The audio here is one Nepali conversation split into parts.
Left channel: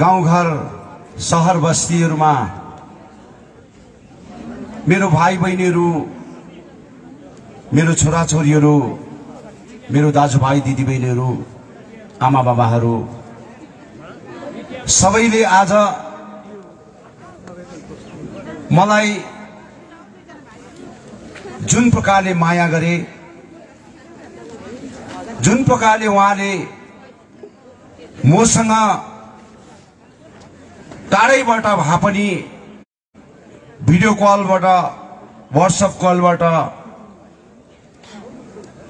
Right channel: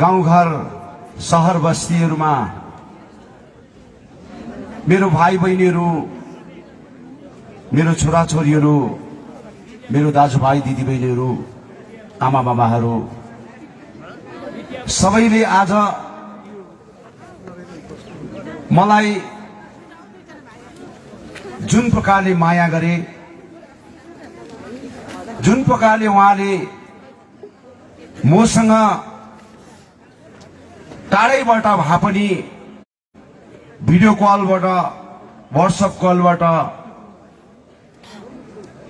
गाउँघर शहर बस्तीहरुमा मेरो भाइ बहिनीहरु, मेरो छोराछोरीहरु, मेरो दाजुभाइ दिदीबहिनीहरु, आमा बाबाहरु सबैले आज मलाई जुन प्रकारले माया गरे, जुन प्रकारले उहाँले मसँग टाढैबाट भए पनि भिडियो कलबाट, व्हाट्सएप कलबाट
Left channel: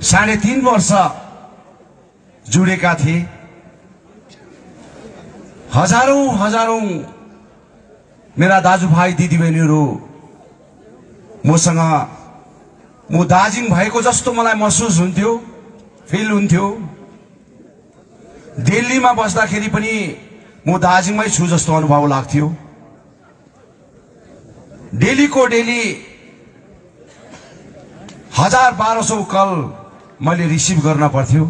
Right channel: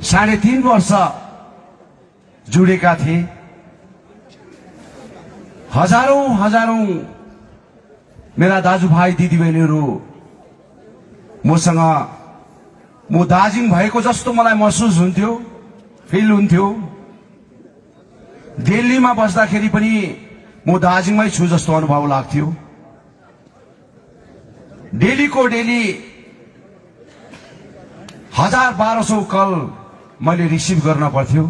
3.5 वर्ष जुडेका थिए। हजारौं मेरा दाजुभाइ दिदीबहिनीहरु मसँग म दार्जिलिङ भएको जस्तो मलाई महसुस हुन्थ्यो, फिल हुन्थ्यो। दिल्लीमा बस्दाखेरि पनि म दार्जिलिङमै छु जस्तो अनुभव लाग्थ्यो। डेलीको डेली 1000-1200 कल मैले रिसिभ गर्न पर्थ्यो।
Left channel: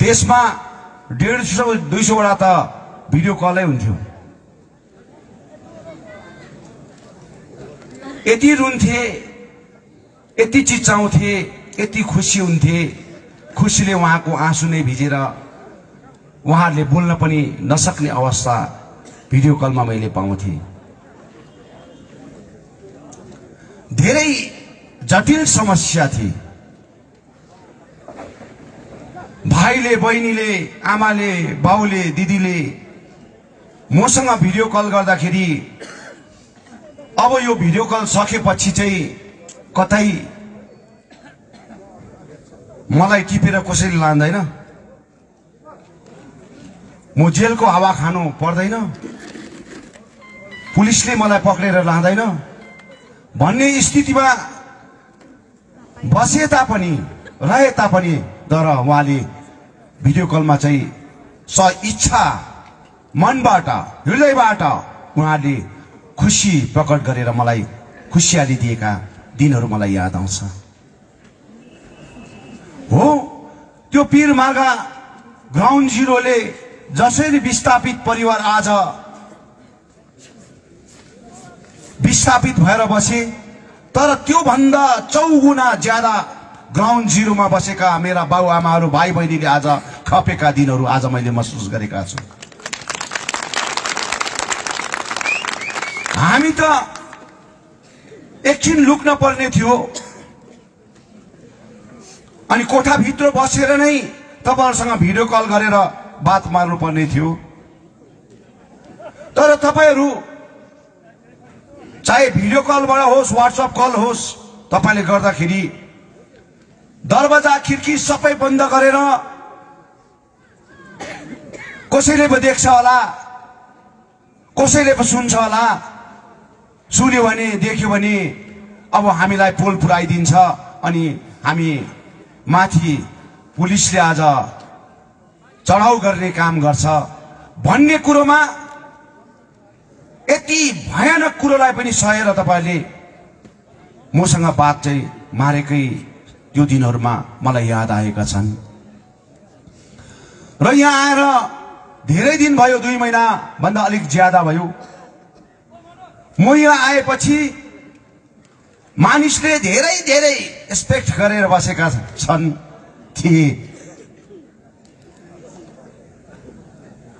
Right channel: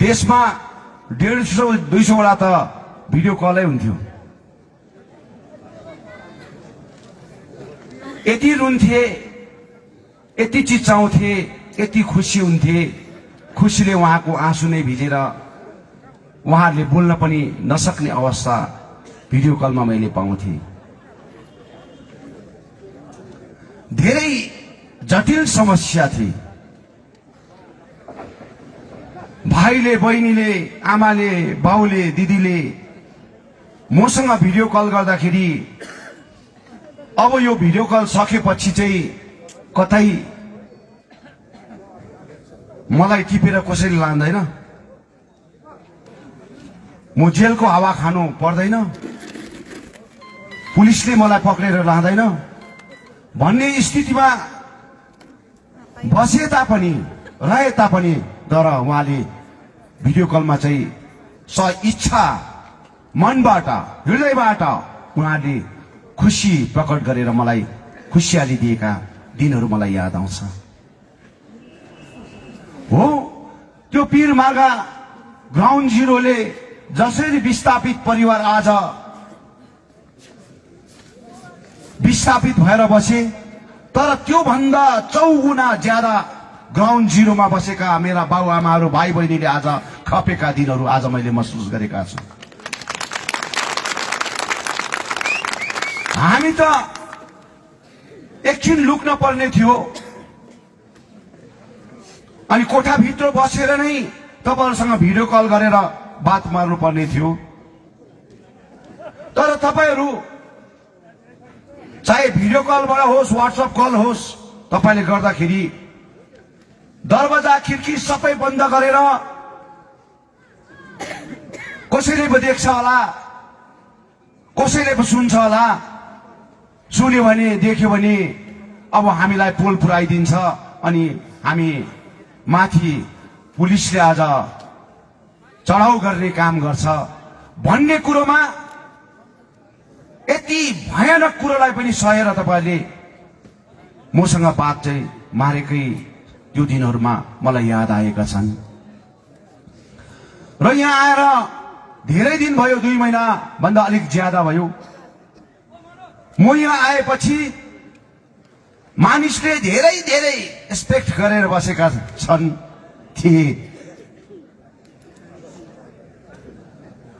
त्यसमा 150-200 वटा त भिडियो कलै हुन्थ्यो। यति रुन्थे, यति चिच्चाउँथे, यति खुसी हुन्थे। खुसीले उहाँको आँसु नै भिजेर उहाँहरूले बोल्न पनि नसक्ने अवस्था भिडियो कलमा मैले पाउँथे। धेरै जटिल समस्या थिए। भाइले, बहिनीले, आमाले, बाउले, दिदीले मसँग भिडियो कल गर्दाखेरि अब यो भिडियो कल सकेपछि चाहिँ कतै मलाई टिपेर कसैले लाँदैन, म जेलको हावा खानु पर्दैन, पुलिसले मलाई पक्रेर लाँदैन भन्ने स्थितिमा बसे तापनि, रहे तापनि, तर उहाँले भिडियो कलमा चाहिँ इच्छा मनबाट, हृदयबाट उहाँले खुशी प्रकट गरेर मलाई खुशियाली दिएका दिनहरू मलाई याद आउँछ। हो, त्यो पीरमार्गा ग्राउन्ड जिरोले जसरी विस्थापित परिवार आज विस्थापित भएर बसे, तर त्यो भन्दा 4 गुणा ज्यादा ग्राउन्ड जिरोमा बसेका मेरा बाबुआमाहरू, भाइ बहिनीले आज खपेका दिनहरू आज मैले महसुस गरेका छु। हामी त एकछिन लुक्न पर्ने थियो अनि कोठाभित्र बसेर नै तपाईहरुसँग भिडियो कल गरेर बात मार्नु पर्ने थियो। तर तपाईहरु चाहे भिडियो कलबाट होस्, व्हाट्सएप कल होस्, तपाईले गर्दाखेरि दरवाजा खिड्की सबै बन्द गरेर कसैले पो देख्छ होला, कसैले पो सुन्छ होला, सुन्यो भने, देख्यो भने अब हामीलाई पोल पुराइदिन्छ अनि हामी माथि पुलिसले आज चढाउ गर्ने काम गर्छ भन्ने कुरोमा यति भयानक कुरोलाई पनि सहेर तपाईले मसँग बात चाहिँ मारेकै त्यो दिनहरुमा मलाई याद आएका छन्। र यहाँ आएर धेरै दिन भयो, 2 महिना भन्दा अलिक ज्यादा भयो। म यहाँ आएपछि मानिसले धेरै धेरै एक्सपेक्ट गरेर बसेका छन् थिए।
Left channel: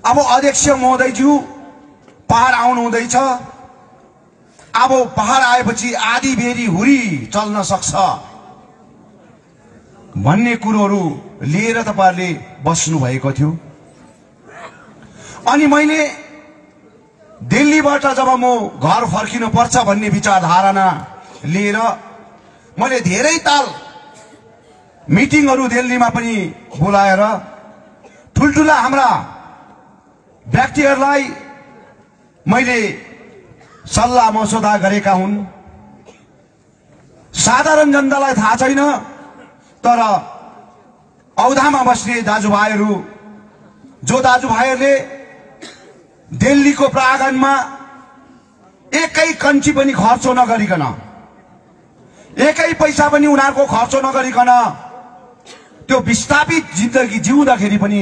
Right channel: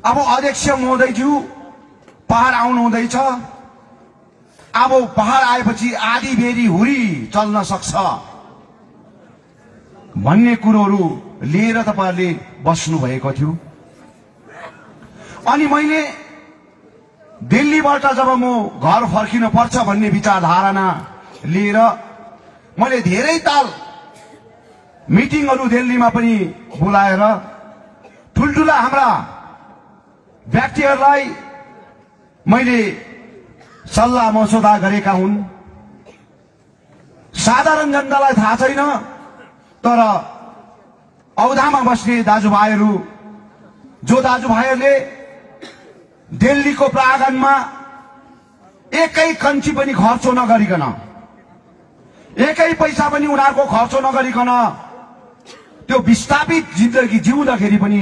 अब अध्यक्ष महोदयज्यू पहाड आउनु हुँदैछ, अब पहाड आएपछि आधी बेरी हुरी चल्न सक्छ भन्ने कुरोहरू लिएर तपाईहरुले बस्नु भएको थियो। अनि मैले दिल्लीबाट जब म घर फर्किनु पर्छ भन्ने विचारधारणा लिएर मैले धेरै ताल मिटिङहरू दिल्लीमा पनि बोलाएर ठुलठुला हाम्रा व्यक्तिहरूलाई मैले सल्लाह मसौदा गरेका हुन्। साधारण जनतालाई थाहा छैन, तर औधामा बस्ने दाजुभाइहरू, जो दाजुभाइहरूले दिल्लीको प्राङ्गणमा एकै कन्ची पनि खर्च नगरिकन, एकै पैसा पनि उनीहरूको खर्च नगरिकन त्यो विस्थापित जिन्दगी जिउँदाखेरि पनि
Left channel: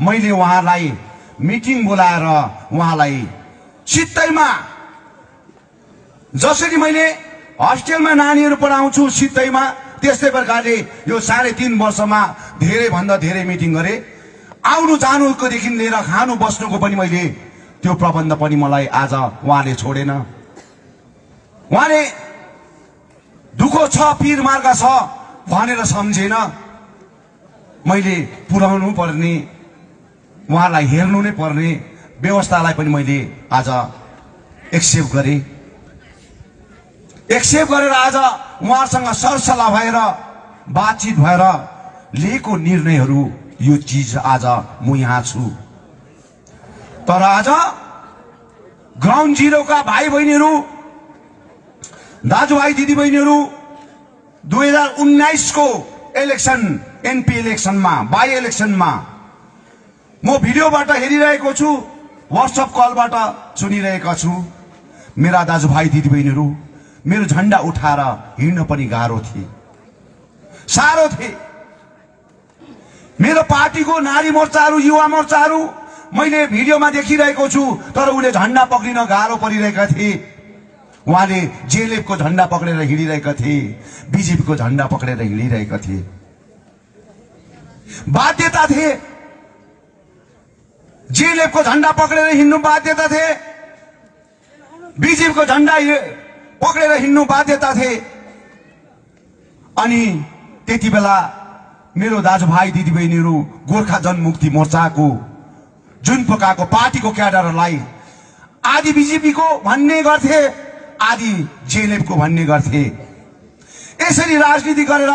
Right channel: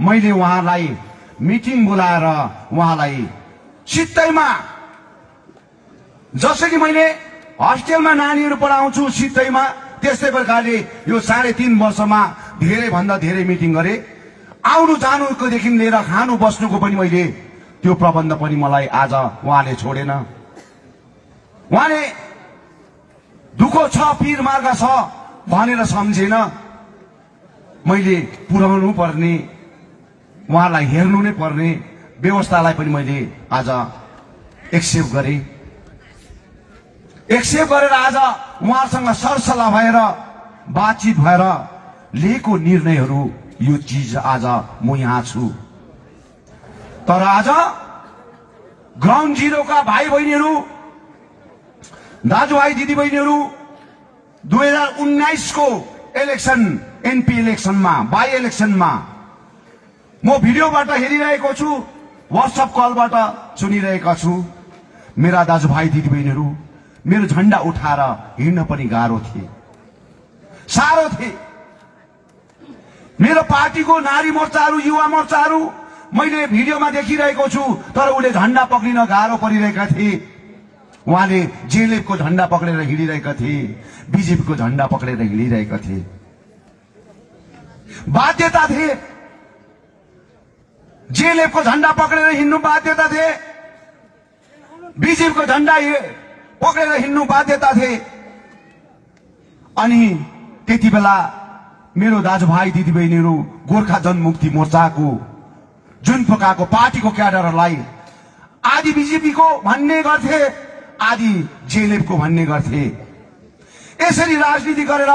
मैले उहाँलाई मिटिङ बोलाएर उहाँलाई सित्तैमा, जसरी मैले हस्टेलमा नानीहरू पढाउँछु सित्तैमा, त्यस्तै प्रकारले यो 3.5 वर्षमा धेरै भन्दा धेरै मिटिङ गरे। आउनु जानुको देखि लिएर खानु बस्नुको पनि मैले त्यो प्रबन्ध पनि मलाई आज उहाँले छोडेन। उहाँले दुःखो छ, पीर मार्ग छ भनेर सम्झेन। मैले पुर्याउनु पर्ने, उहाँलाई हेर्नु नै पर्ने व्यवस्थालाई पनि मैले आज एक्सेप्ट गरेँ। एक्सेप्ट गरेर आज उहाँसँग सरसल्लाह भएर बातचित भएर लिएको निर्णयहरू, यो चीज आज म यहाँ छु। तर आज ग्राउन्ड जिरोका भाइ बहिनीहरू, दाजुभाइ दिदीबहिनीहरू, 2019 को इलेक्सन, एनपी इलेक्सनमा, बाई इलेक्सनमा म भिडियोबाट हेरिरहेको छु, व्हाट्सएप कलबाट सुनिरहेका छु। मेरा दाजुभाइ दिदीबहिनीहरू मेरो झण्डा उठाएर हिँड्न पनि गाह्रो थिए, साह्रो थिए। मेरो पार्टीको नारी मोर्चाहरू, युवा मोर्चाहरू मैले भिडियोमा देखिरहेको छु, तर उले झण्डा पक्रिन गाह्रो परिरहेका थिए। उहाँले जेएलएफको झण्डा पक्रेर हिँडिरहेका थिए, बीजेपीको झण्डा पक्रेर हिँडिरहेका थिए। बाध्यता थिए, जेएलएफको झण्डा पक्रेर हिँड्नु बाध्यता थिए, बीजेपीको झण्डा पक्रेर हिँड्नु बाध्यता थिए। अनि त्यति बेला मेरो दाजुभाइ दिदीबहिनीहरू गोर्खा जनमुक्ति मोर्चाको जुन प्रकारको पार्टीको क्याडरलाई आदि बीजेपीको भन्ने गर्थे, आदि जेएलएफको भन्ने गर्थे। यसरी राजनीति गरेर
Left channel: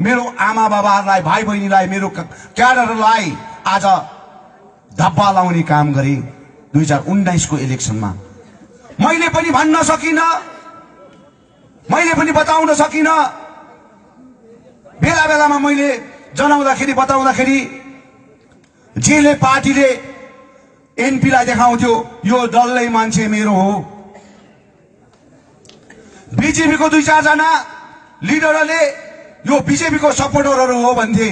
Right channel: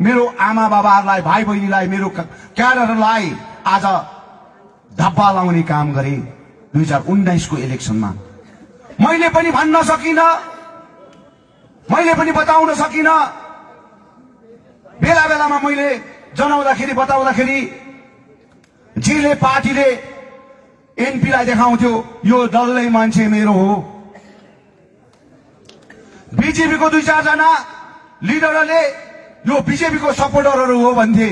मेरो आमा बाबाहरूलाई, भाइ बहिनीलाई, मेरो क्याडरलाई आज धब्बा लाउने काम गरे। 2019 को इलेक्सनमा मैले पनि भन्न सकिन, मैले पनि बताउन सकिन। बेला बेलामा मैले जनाउँदाखेरि, बताउँदाखेरि जेएलएफ पार्टीले एनपीलाई देखाउँथ्यो यो दलले मान्छे मेरो हो। बीजेपीको 2-4 जना लिडरले यो बीजेपीको सपोर्टरहरू हो भन्थे।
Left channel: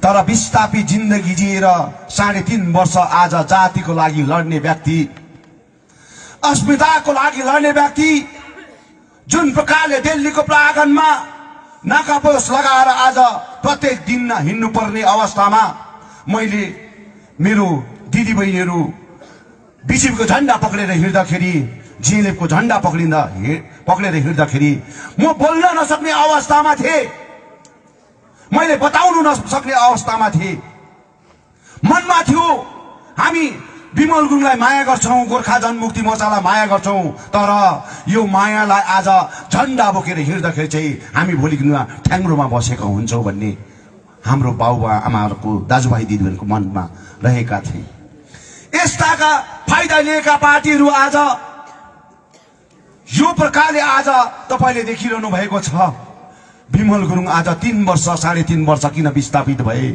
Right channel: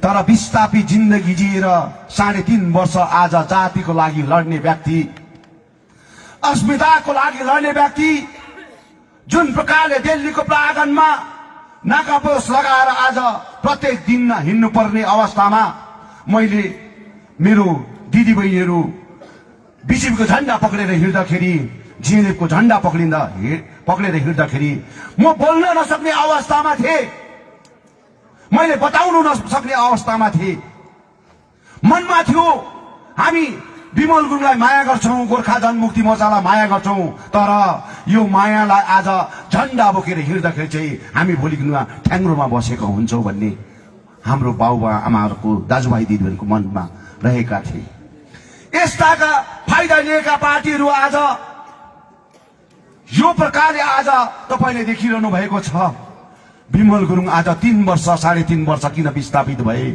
तर विस्थापित जिन्दगी जिएर 3.5 वर्ष आज जातिको लागि लड्ने व्यक्ति, अस्मिताको लागि लड्ने व्यक्ति, जुन प्रकारले दिल्लीको प्राङ्गणमा नाकापोस लगाएर आज प्रत्येक दिन हिँड्नु पर्ने अवस्थामा मैले मेरो दिदीबहिनीहरू बीजेपीको झण्डा पक्रेर हिँड्दाखेरि, जेएलएफको झण्डा पक्रेर हिँड्दाखेरि म बोल्न नसक्ने अवस्थामा थिए, मैले बताउनु नसक्ने अवस्थामा थिए। मनमा थियो हामी विमल गुरुङलाई माया गर्छौं, गोर्खा जनमुक्ति मोर्चालाई माया गर्छौं, तर यो मायालाई आज झण्डा बोकेर हिँड्दाखेरि चाहिँ हामी भोलि ठ्याङ्ग्रोमा बसेका हुन्छौं भन्ने हाम्रो बाबुबा आमाहरूको, दाजुभाइ दिदीहरूको मनमा रहेका थिए। यस्ताका फाइदा लिएका पार्टीहरू आज यो प्रकारले आज तपाईले देखिरहनु भएको छ। विमल गुरुङ आज 3 वर्ष, 3.5 वर्ष किन विस्थापित भए?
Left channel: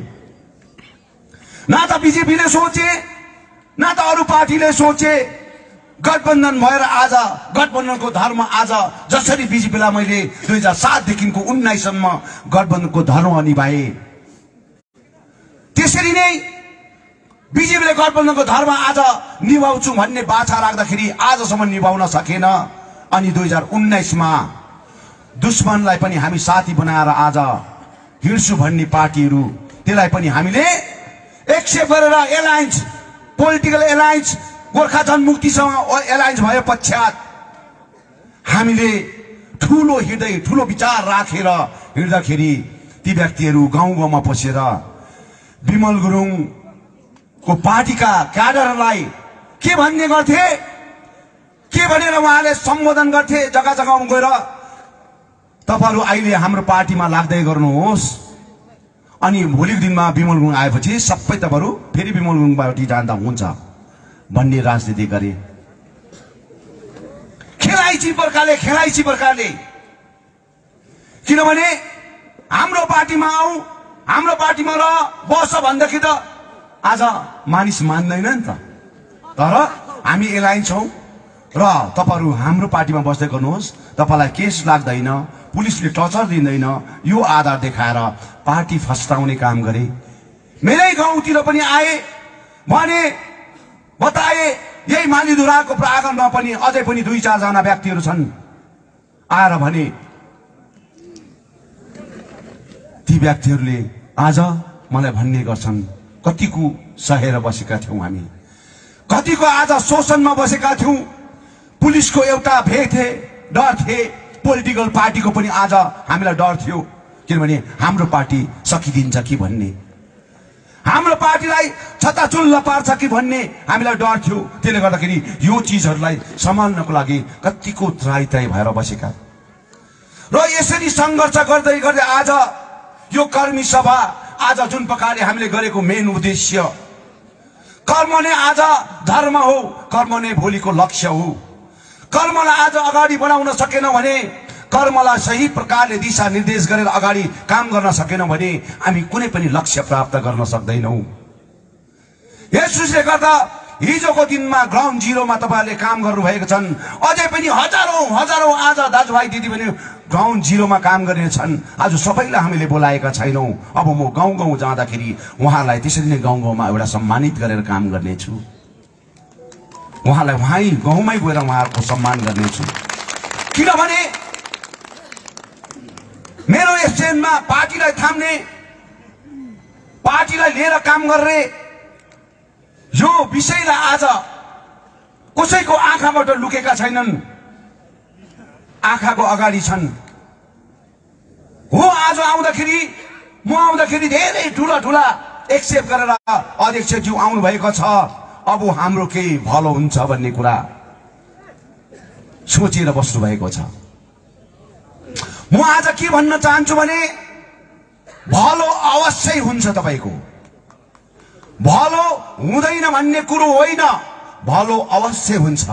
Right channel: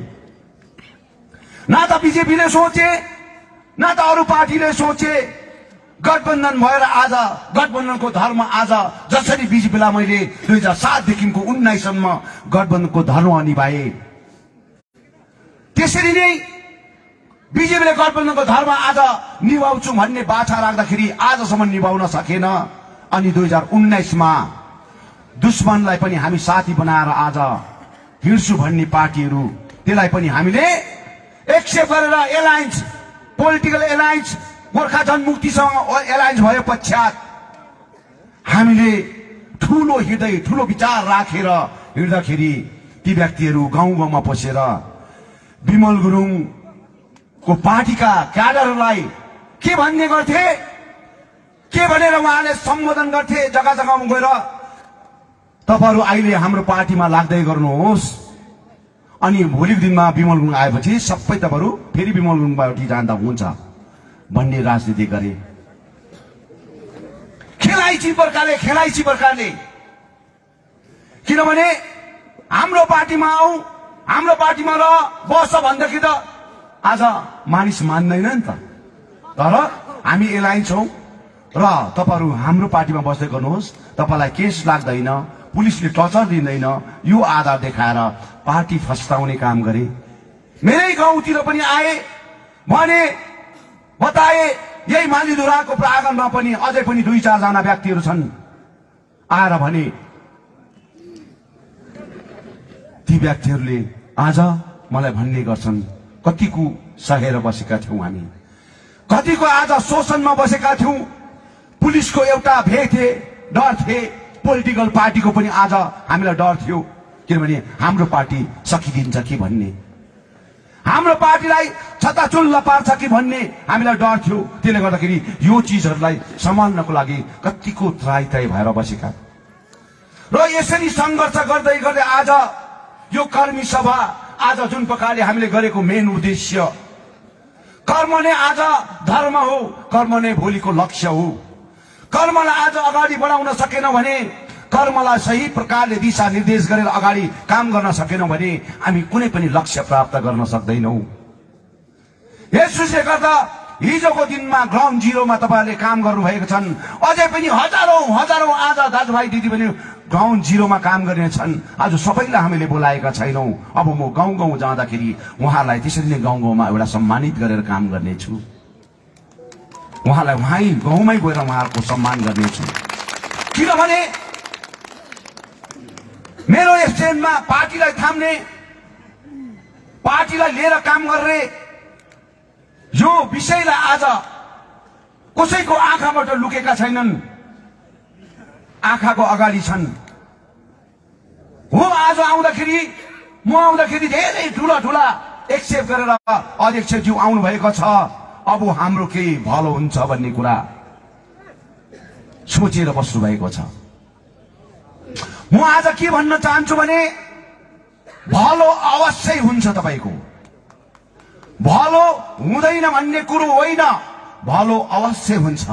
न त बीजेपीले सोचे, न त अरू पार्टीले सोचे। गठबन्धन भएर आज गठबन्धनको धर्म आज जसरी बीजेपीलाई मैले 2007 देखिको 19 सम्म गठबन्धनको धर्म निभाए, त्यसरी नै बीजेपीले गठबन्धनको धर्म आज निभाउँछु भन्ने बाछा राख्दाखेरि आजसम्म निभाउन सकेन। अनि 2019 मा दुश्मनलाई पनि हामी साथी बनाएर आज हिँड्छु भन्ने पार्टीहरू, त्यसलाई पनि हामीले एक्सेप्ट गरेर एलायन्स, पोलिटिकल एलायन्स, गोर्खा जनमुक्तिसँग एलायन्स भए पश्चात हामीले ठूलो हृदय, ठूलो विचार राखेर हिँड्दाखेरि ती व्यक्तिहरू गाउँ गाउँमा पसेर विमल गुरुङको पार्टीका क्याडरलाई के भन्ने गर्थे, के भनेर उहाँले सम्बोधन गर्थे जग्गा जग्गामा गएर, तपाईहरु अहिले हाम्रो पार्टीमा लाग्दै गर्नुहोस्। अनि भोलिको दिनमा विमल गुरुङ आएपछि सबै तपाईहरु फेरि विमल गुरुङ पार्टी जाँदा हुन्छ भन्ने राजनीति गरे। खेलाइची प्रकारले किनभने हाम्रो पार्टीमा आऊ, हाम्रो पार्टीमा र बस भन्दाखेरि त आज मानिस मान्दैन नि त। तर हामी एलायन्स छौं र तपाईहरु हाम्रो पार्टीमा बस्दै गर्नुहोस्, तपाईलाई केस लाग्दैन, पुलिसले टर्चर दिँदैन, यो आधार देखाएर पार्टी फस्टाउने काम गरे। मेरै गाउँतिर पनि आए, भने बताए यही मालिधुराको प्राङ्गणमा पनि अझै पनि 2-4 जना व्यक्तिहरू छन् आएर भने ती व्यक्तिहरूले आज मलाई भन्ने गर्छन् कतिको सहेर बसेका थियौं हामी, कतिको आज शोषणमा बसेका थियौं, पुलिसको एउटा भय थिए, डर थिए, पोलिटिकल पार्टीको पनि आज हामीलाई डर थियो किनभने हाम्रो पार्टी सकिदिन्छ कि भन्ने, हाम्रो पार्टीलाई छताचुल्ल पार्छ कि भन्ने हामीलाई डर थियो। त्यसले गर्दाखेरि यो चीजहरूलाई सम्हाल्नको लागि कतिको त्रायताय भएर बसेका र यसरी संघर्ष गर्दै गर्दै आज यो कर्मी सभा आज जुन प्रकारले हामीले गरेको मेन उद्देश्य कर्म नै आज धर्म हो, कर्म नै भोलिको लक्ष्य हो। कर्मलाई आज अगाडि बढाउन सकेन भने, कर्मलाई सही प्रकारले दिशा निर्देश गरेर अगाडि काम गर्न सकेनौं भने हामी कुनै पनि लक्ष्य प्राप्त गर्न सक्दैनौं। यसले गर्दा हिजोको दिनमा ग्राउन्ड जिरोमा तपाईहरुले काम गर्नुभएको छन्, अझै पनि हजारौं आज दाजुभाइ दिदीबहिनी ग्राउन्ड जिरोमा काम गरिरहेछन्। आज सबैलाई हामीले बोलाएका छैनौं। अब म गाउँ गाउँ जाँदाखेरि उहाँलाई त्यसरी नै गाउँ गाउँमा एउटा सम्मानित गरेर काम गर्नेछु, उहाँलाई वहीँ गाउँमै गएर उहाँहरूको सम्मान गर्नेछु। किनभने मेरो स्ट्यान्डमा पार्टीलाई थाम्ने, पार्टीलाई लिएर काम गर्ने यो विषयलाई आज कसैको आँखाबाट लुकेका छैनन्, आँखाको अगाडि छन्। हो आज आउँदाखेरि म आउँदाखेरि धेरै ठूला ठूला एक्सेप्ट गरेर अध्यक्षज्यू आउनु भएको छ, अब हाम्रो केही भलो हुन्छ भन्ने कुरा सोचेर बस्नु भएको छ। म आज के भन्न चाहन्छु भने भलो अवश्य हुन्छ, तपाईको भलो हुँदैन भन्ने कुरो होइन, भलो अवश्य हुन्छ।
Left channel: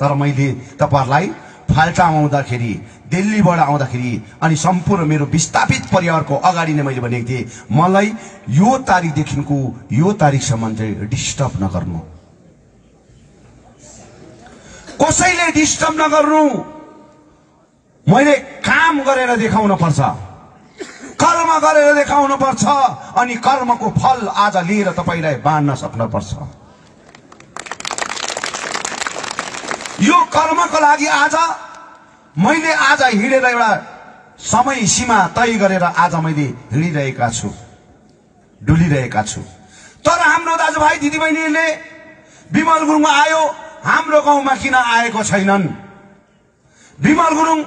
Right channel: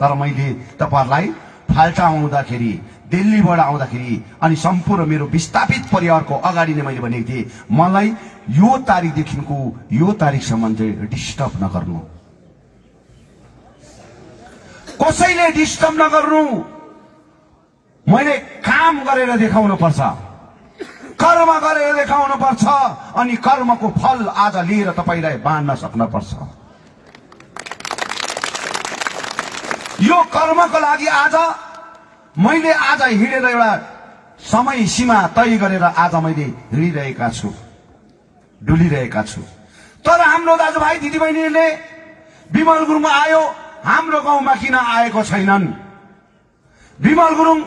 तर मैले तपाईहरुलाई फाल्टा आउँदाखेरि, दिल्लीबाट आउँदाखेरि अनि सम्पूर्ण मेरो विस्थापित परिवारको अगाडि नै मैले भनेको थिएँ मलाई यो तारिखदेखिको यो तारिखसम्म चाहिँ डिस्टर्ब नगर्नु, कसैले डिस्टर्ब नगर्नु। मैले काम गरेर देखाउन पर्छ, कर्म गरेर देखाउन पर्छ अनि कर्मको फल आज लिएर तपाईलाई बाँड्न सक्न पर्छ। यो कर्मको लागि आज मैले आज हिँडेर एउटा समय सीमा तय गरेर आज मैले हिँडिरहेका छु, डुलिरहेका छु। तर हाम्रो दाजुभाइ दिदीबहिनीले विमल गुरुङ आयो, हाम्रो गाउँमा किन आएको छैनन्? विमल गुरुङ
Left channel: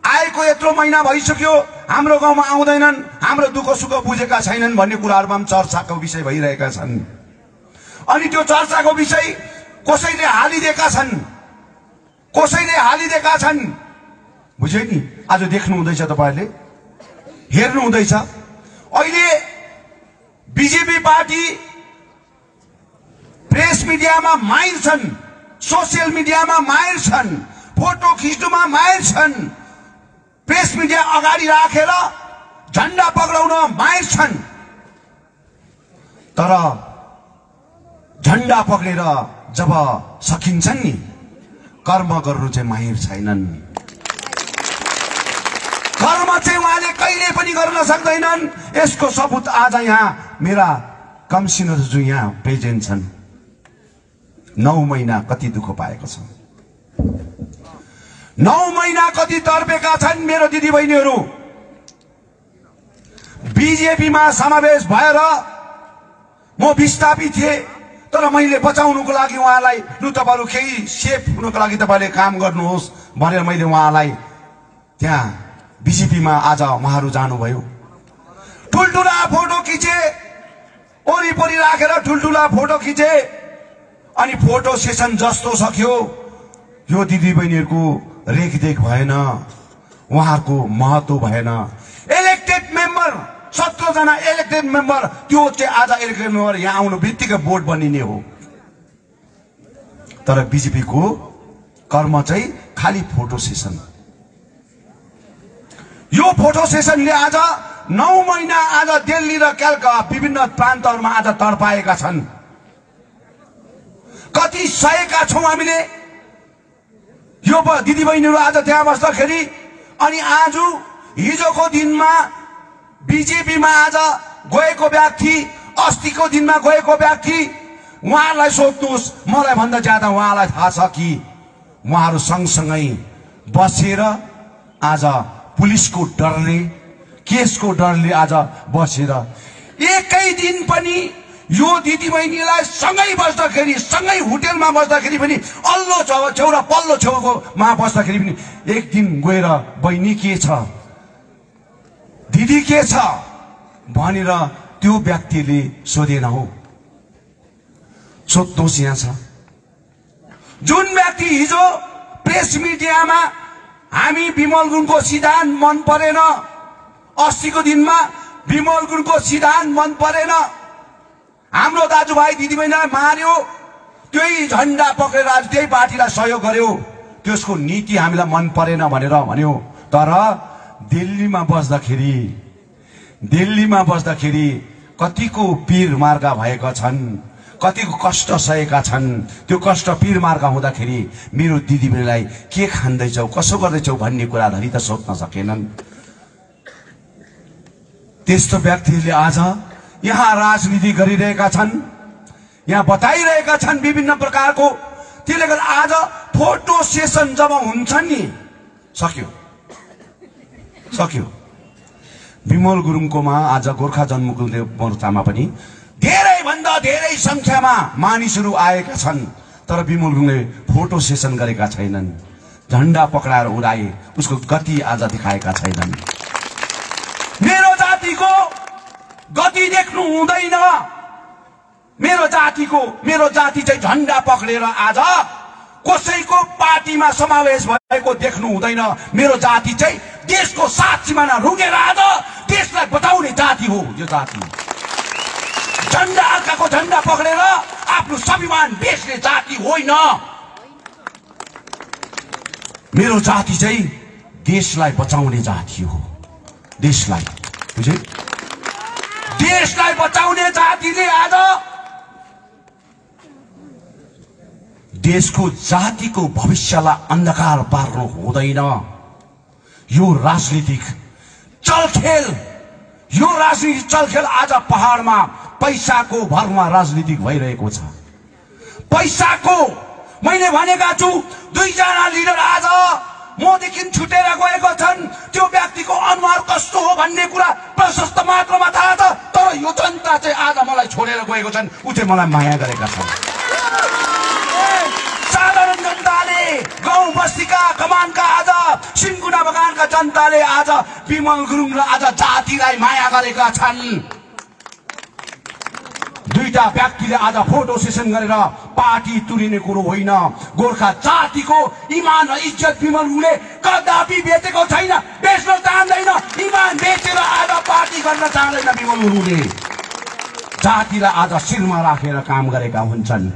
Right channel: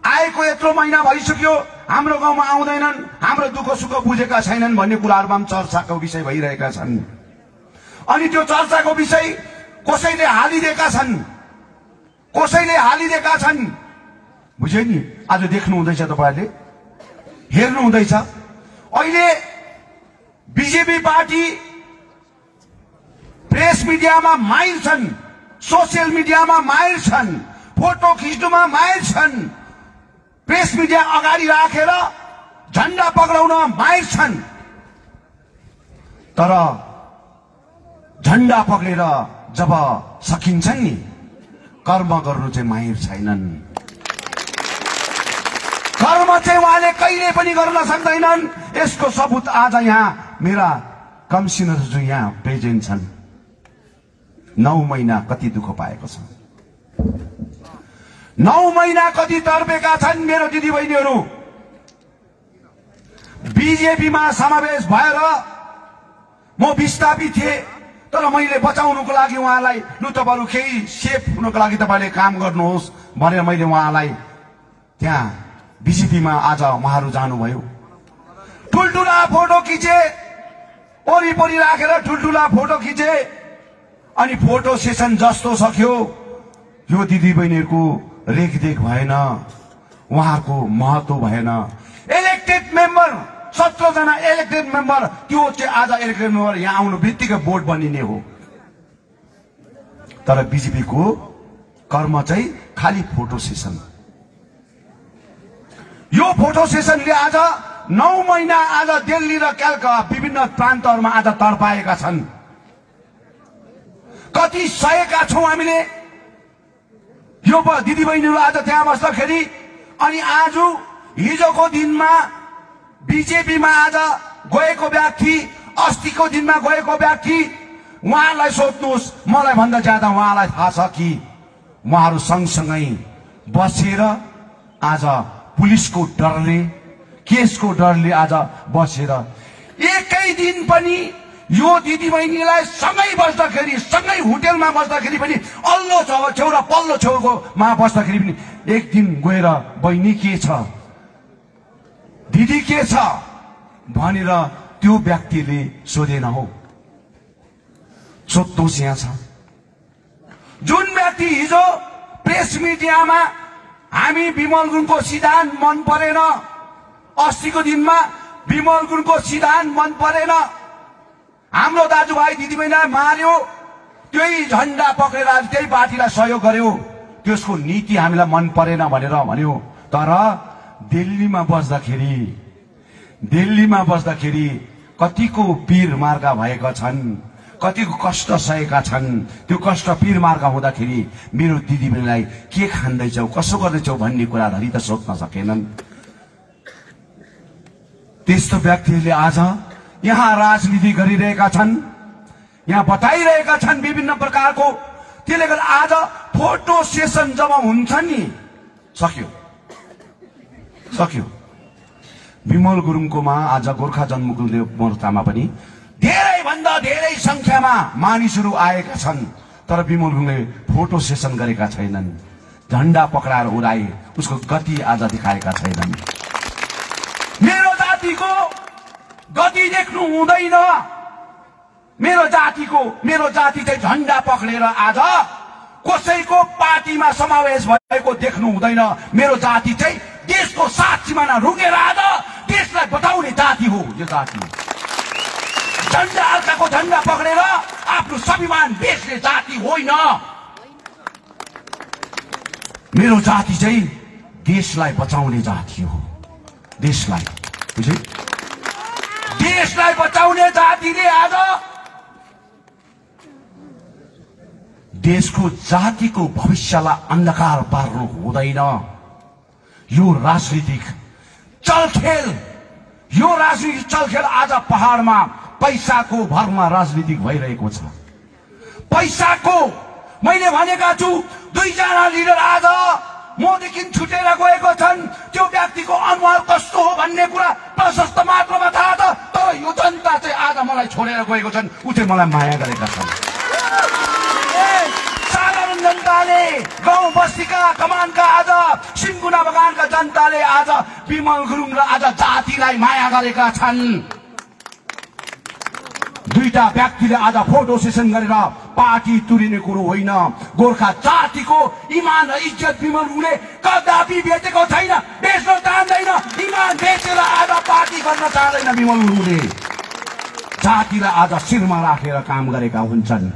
आएको यत्रो महिना भइसक्यो, हाम्रो गाउँमा आउँदैनन्, हाम्रो दुःख सुख बुझेका छैनन् भन्ने कुराहरुमा चर्चाको विषय भइरहेका छन्। अनि त्यो चर्चाको विषय कसैले हालिदिएका छन्, कसैले हालिदिएका छन्, बुझ्यो नि? आज देख्नु हुँदैछ, तपाईहरुले हेर्नु हुँदैछ। अहिले बीजेपी पार्टी प्रेस मिडियामा माहिर छन्, सोशल मिडियामा माहिर छन्, फोटो खिच्नुमा माहिर छन्, प्रेस मिडिया अगाडि राखेर झण्डा पक्राउन माहिर छन्। तर झण्डा पक्रेर जब सकिन्छन् नि, कर्म गर्नु चाहिँ माहिर छैनन्। कर्म चाहिँ उहाँले कहिले पनि गर्न सक्दैनन्। यसको सबूत आज यहाँ मेरा कमिसनरहरू यहाँ प्रेजेन्ट छन्। 9 महिना कति दुःख पाएको छ, 9 महिना कति तर्पेका छन् मेरो दिदीबहिनीहरू। बीजेपीमा समावेश भएर म विस्थापित थिए, तर मैले बचाउनको लागि उहाँलाई लु तपाईहरु केही सेफ हुनको लागि तपाईले काम गर्नुहोस् भनेर मैले उहाँलाई त्यहाँ बीजेपीमा आज उहाँहरू जानुभयो। ठुलठुला फोटो खिचे, वरिपरि राखेर ठुलठुला फोटो खिचे अनि फोटो सेसन जस्तो सक्यो। यो दिदीबहिनीहरूको रेखदेख भएन, उहाँहरूको महत्व भएन। इलेक्टेड मेम्बर 17 जना इलेक्टेड मेम्बर, त्यो चाहिँ आज इलेक्टेड मेम्बर यहाँ आउनु बित्तिकै बोर्ड बनिने हो। तर बीजेपीको कर्म चाहिँ खाली फोटो सेसन। यो फोटो सेसनले आज 9 महिना आज दिल्ली र कलकत्ता विभिन्न प्रान्तहरूमा आज तर्पाएका छन्। कति सहेका छौं हामीले यो दिदीबहिनीहरू आज त्यहाँ बस्दाखेरि। अनि आज हिजोको दिनमा बीजेपीमा आज गएको व्यक्ति, अस्तिको दिनमा गएको व्यक्ति उहाँलाई सोध्नुहोस्, मलाई भन्दा ज्यादा उहाँलाई थाहा छ कि उहाँहरू सँगसँगै बसेर आज पुलिसको डरले, केसको डरले आज बसेर एकै दिन पनि यो दिदीबहिनीलाई सँगै बस्दाखेरि, सँगै होटेलमा बस्दाखेरि पनि, अल्लो छेउ र पल्लो छेउकोमा बस्दाखेरि पनि एक दिन गएर बहिनी के छ, दिदी के छ भनेर त्यो व्यक्तिले सोधेन हो। सोध्नुहोस् यहाँ छ जुन व्यक्ति हिजो प्रेस मिडियामा हामी विमल गुरुङको सिद्धान्त मन परेन, अस्तिको दिनमा विमल गुरुङको सिद्धान्त मन परेन, हाम्रो दाजुभाइ दिदीबहिनीलाई मार्यो, त्यही झण्डा पक्रेर आज त्यही पार्टीलाई सहयोग गर्यो, त्यसको नीति हामीलाई मन परेन भनेर भन्यो। तर दिल्लीमा बस्दाखेरि कतिको पीर मार्गा भएका छन्, कतिको कष्ट सहेका छन्। त्यो कष्ट पीर मार्गा हुँदाखेरि मेरो दिदीबहिनीलाई के खाँदैछौ, कसो गर्दैछौ भन्ने कुरा धरि त सोध्न सकेनन्। त्यस्तो व्यक्तिहरूले आज यहाँ राजनीति गरिरहेका छन्, यहाँ बताइरहेका छन् विभिन्न प्रकारको। त्यसले गर्दा आज फोटो सेसन जब हुन्छ नि, सक्यो। विमल गुरुङकोमा आज गोर्खा जनमुक्ति मोर्चामा पनि धेरै भन्दा धेरै संख्यामा मानिसहरू आएका छन्, तर विमल गुरुङले फोटो सेसन गरेका छैनन्, झण्डा पकडाएर उडाए, उसको गति आज देखाएका छैनन्। मेरो जातिको गति देख्नु हुँदैन, मेरो जाति चाहिँ झण्डा पक्रेर आज कसैको पार्टीमा समावेश भएको देख्नु हुँदैन। मेरो जाति चाहिँ देशको 7 सिमाना रुकेर आज देशलाई बताउने जाति हो। यो जाति झण्डा अर्काको झण्डा पक्रेर आफ्नो स्वाभिमान बेच्ने जाति होइन। मेरो जाति चाहिँ देशलाई बचाउने जाति हो। देशलाई बचाउने जातिले आज देशको जातिको भविष्यलाई अन्धकार पार्नु हुँदैन। यो राजनीतिक चलखेल आज पहाडमा पैसाको भरमा राजनीतिक भइरहेको छ। पैसाको मैले भनेका छु, 2 जना लिडर आज मदेखि छुटेर गएको छन्। त्यो व्यक्तिको अनुहार कस्तो हो भन्ने कुरा प्रशस्त मात्रामा थाहा छ, तर यो जनता चाहिँ आज मलाई छोडेर गएको छन्, उ चाहिँ मलाई माया गरेका छन्। साधारण जनताले, गाउँ बस्तीका, कमानका, आज सिन्कुना बगानका जनताले आज विमल गुरुङ र आज जातिलाई माया गरेका छन्। 2टा व्यक्तिले आज फोटो सेसन गरेर पार्टी तुरिने कुरो होइन। गोर्खा जातिको इमान र इज्जत विमल गुरुङले कदापि बेचेको छैन, बेच्न चाहँदैन। इमान बेचेर आज पार्टी गर्न चाहँदैन विमल गुरुङले। जातिलाई आज शिरमा राखेर काम गरेका हुन्छन्।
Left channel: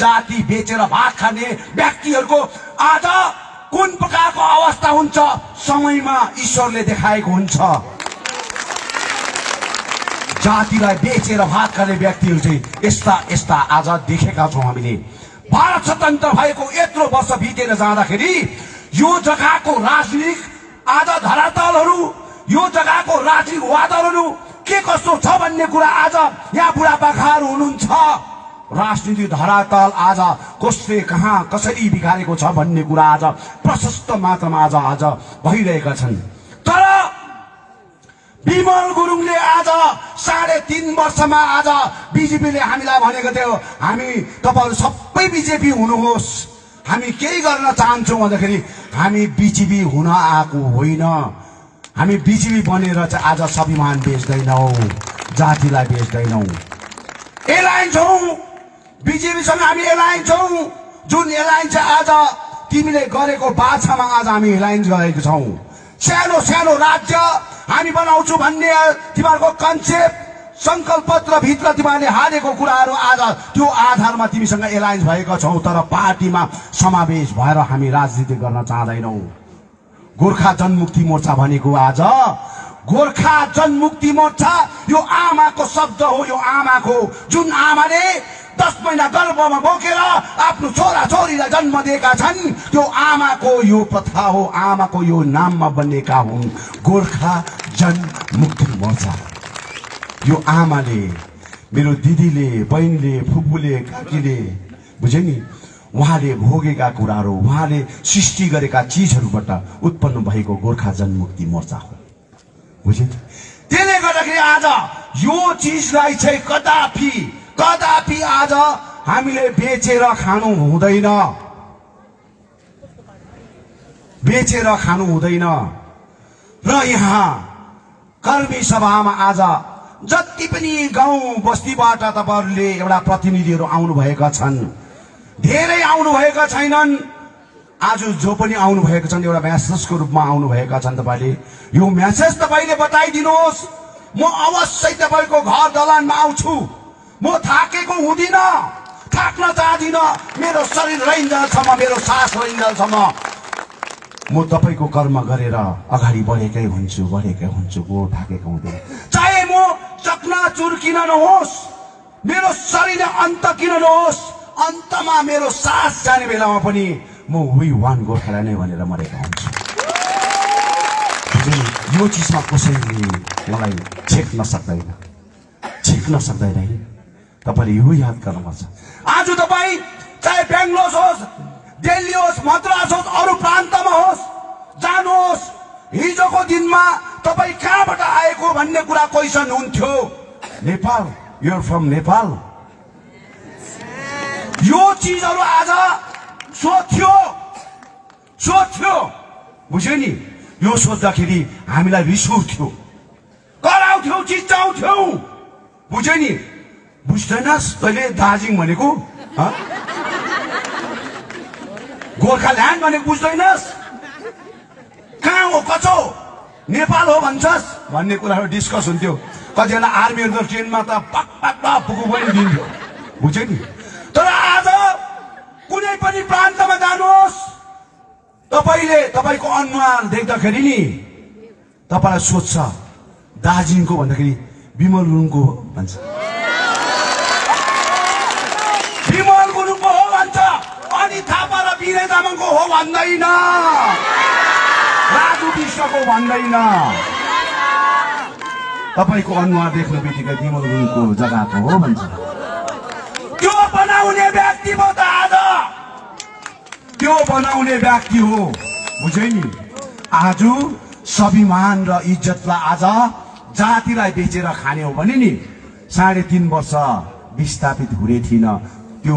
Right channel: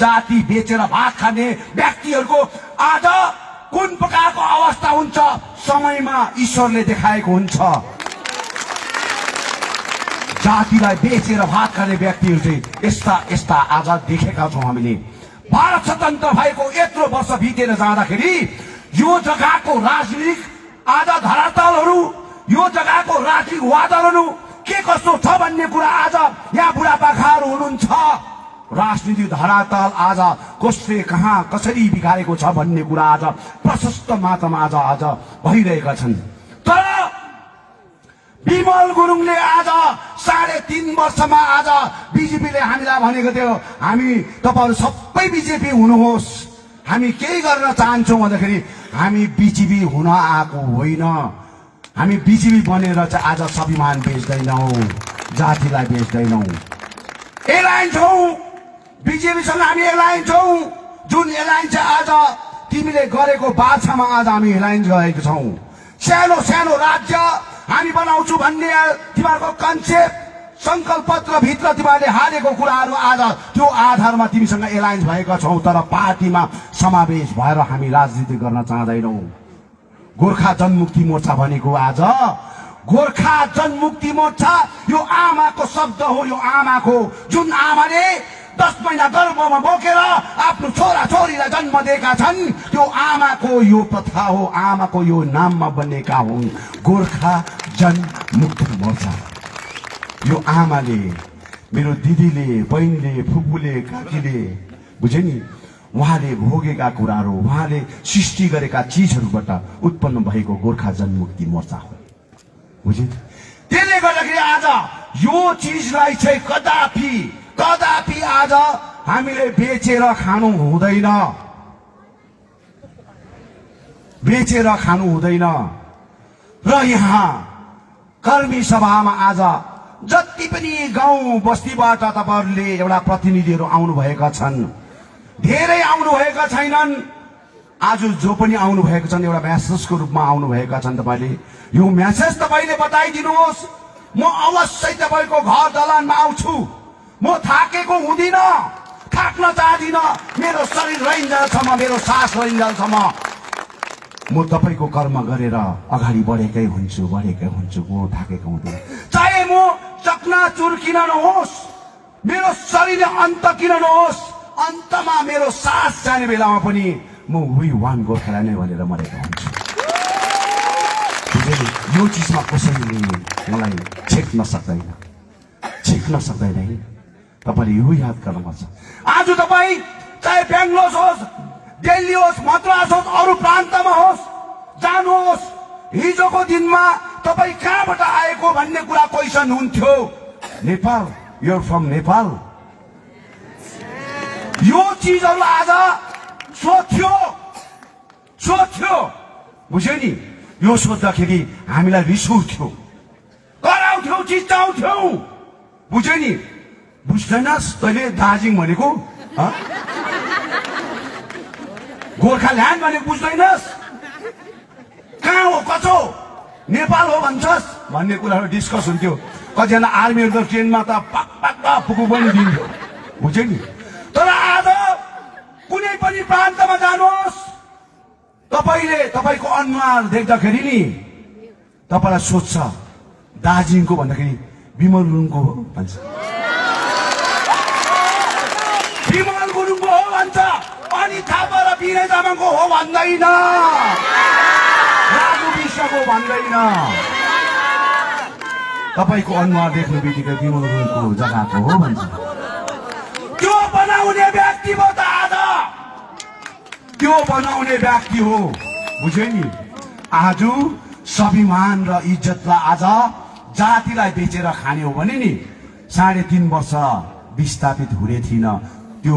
जाति बेचेर भात खाने व्यक्तिहरूको आज कुन प्रकारको अवस्था हुन्छ समयमा ईश्वरले देखाएको हुन्छ। जातिलाई बेचेर भात खाने व्यक्तिहरू चाहिँ यस्ता आज देखेका छौँ हामीले। भारत स्वतन्त्र भएको यत्रो वर्ष बितेर जाँदाखेरि यो जग्गाको राजनीतिक आज धरातलहरू, यो जग्गाको राजनीतिक वादहरू के कस्तो छ भन्ने कुरा आज यहाँ बुढापाकाहरू हुनुहुन्छ। राजनीतिक धरातल आज कसले कहाँ कसरी बिगारेको छ भन्ने कुरा आज प्रशस्त मात्रामा आज भइरहेका छन्। तर विमल गुरुङले आज 3.5 वर्षमा आज बीजेपीले हामीलाई भनेको थियो, हामी तपाईहरु सबै बीजेपी हुनुहोस्, हामी केही गर्न चाहन्छौँ भन्दाखेरि हामी बीजेपी हुन आएको होइन। हामी बीजेपी बनेर चाहिँ आज स्वाभिमान बेच्दैनौँ, जातिलाई बेच्दैनौँ। एलायन्स हौ, बीजेपीसँग हामी एलायन्स हौ। जुन एलायन्स आज तिमीले गरेको बाछामा आज हामी एलायन्स गएको छौँ। सानो सानो राज्य हामी बनाउँछु भन्ने तिमीहरूको कन्सेप्ट संकल्प पत्र भित्र तिमीहरूले हालेको कुराहरू आज त्यो आधारमा तिमीसँग एलायन्स भएका छौँ। तर पार्टीमा समावेश भएर हामी राजनीति गर्न चाहँदैनौँ। गोर्खा जनमुक्ति मोर्चा भनेको आज गोर्खा जनमुक्ति मोर्चा यो आमाको शब्द हो। यो आमाको, जुन आमाले 10 महिना गर्भमा बोकेर आफ्नो छोरा छोरीलाई जन्म दिएका छन्, त्यो आमाको यो प्रथा हो, आमाको यो नाममा बनेका हुन् गोर्खा जनमुक्ति मोर्चा। यो आमाले, मेरो दिदीले, बहिनीले, फुपूले, काकीले, बुझे नि, उहाँले भोगेका कुराहरू, उहाँले सृष्टि गरेका चिजहरूबाट उत्पन्न भएको गोर्खा जनमुक्ति मोर्चा हो। बुझे? त्यसले गर्दाखेरि आज यो चिजलाई चाहिँ कदापि आज हामीले बेचेर खानु हुँदैन, र यहाँ कर्मी सभामा आज जति पनि गाउँ बस्तीबाट तपाईहरुले एउटा प्रतिनिधिहरू आउनु भएका छन्, धेरै आउनु भएका छैनन्। आज जो पनि आउनु भएको छन् एउटा म्यासेजको रूपमा आउनु भएका छन्। तपाईले यो म्यासेज तपाईले बताइदिनुहोस्, म अवश्य तपाईको घर दलानमा आउँछु। म थाकेको हुँदिन, थाक्न चाहदिन, मेरो शरीर रहन्जेलसम्म, मेरो सास रहन्जेलसम्म म तपाईको कर्म गरेर अगाडि बढेकै हुन्छु, म थाकेको हुँदैन। चाहे म चकनाचुर किन नहोस्, मेरो शरीर अन्त किन नहोस्, अन्तमा मेरो सास जाने बेलामा पनि म वी वान गोर्खाल्यान्ड नै भनेर मरेको हुन्छु। यो चिजमा कसैले मलाई छेक्न सक्दैन है। तपाईले यो याद गर्नुपर्छ। आज तपाई चाहे बेंगलोर होस्, दिल्ली होस्, मद्रास होस्, अरू प्रान्तमा होस्, जानुहोस्। हिजोको दिनमा तपाई कहाँबाट आएको भन्ने कुरा क्वेशन हुन्थ्यो। Nepal, you are from Nepal. यो चीजहरू आज सोध्यो, बुझ्यो नि? यो सोच्दाखेरि हामीलाई रिस उठ्थ्यो, कराउँथ्यौ, चिच्चाउँथ्यौ, बुझ्यो नि? बुझ्दैनस् तैले दार्जिलिङ भनेको, गोर्खाल्यान्ड भनेको बुझ्दैनस्? कहाँ हो, कचो नेपाल हो भन्छस् भन्ने कुराहरू डिस्कस हुन्थ्यो। कतिजना आर्मीहरू त ट्रेनमा त पक्का पुगु पनि दिन्थ्यो, बुझ्यो नि? तर आज कुनै पनि प्रान्तमा जानुहोस्, तपाईको अनुहार देख्दाखेरि नि तपाईलाई सोध्छ दार्जिलिङको भन्दाखेरि विमल गुरुङको भन्छ, विमल गुरुङको हो भन्छ, अनि थापा र बिरे तामाङको हो भन्दैन, राजु विश्वको भन्दैन। तपाईको अनुहार देख्ने बित्तिकै विमल गुरुङको जग्गाको हो भन्छ। त्यो बनाउने व्यक्ति हो त आज, त्यो बनाउने व्यक्ति हो, बुझ्यो नि? आज स्वाभिमान र इज्जतलाई आज जातिलाई बेचेर खाने हो भने नि 3.5 वर्ष विस्थापित हुने थिइन। त्यो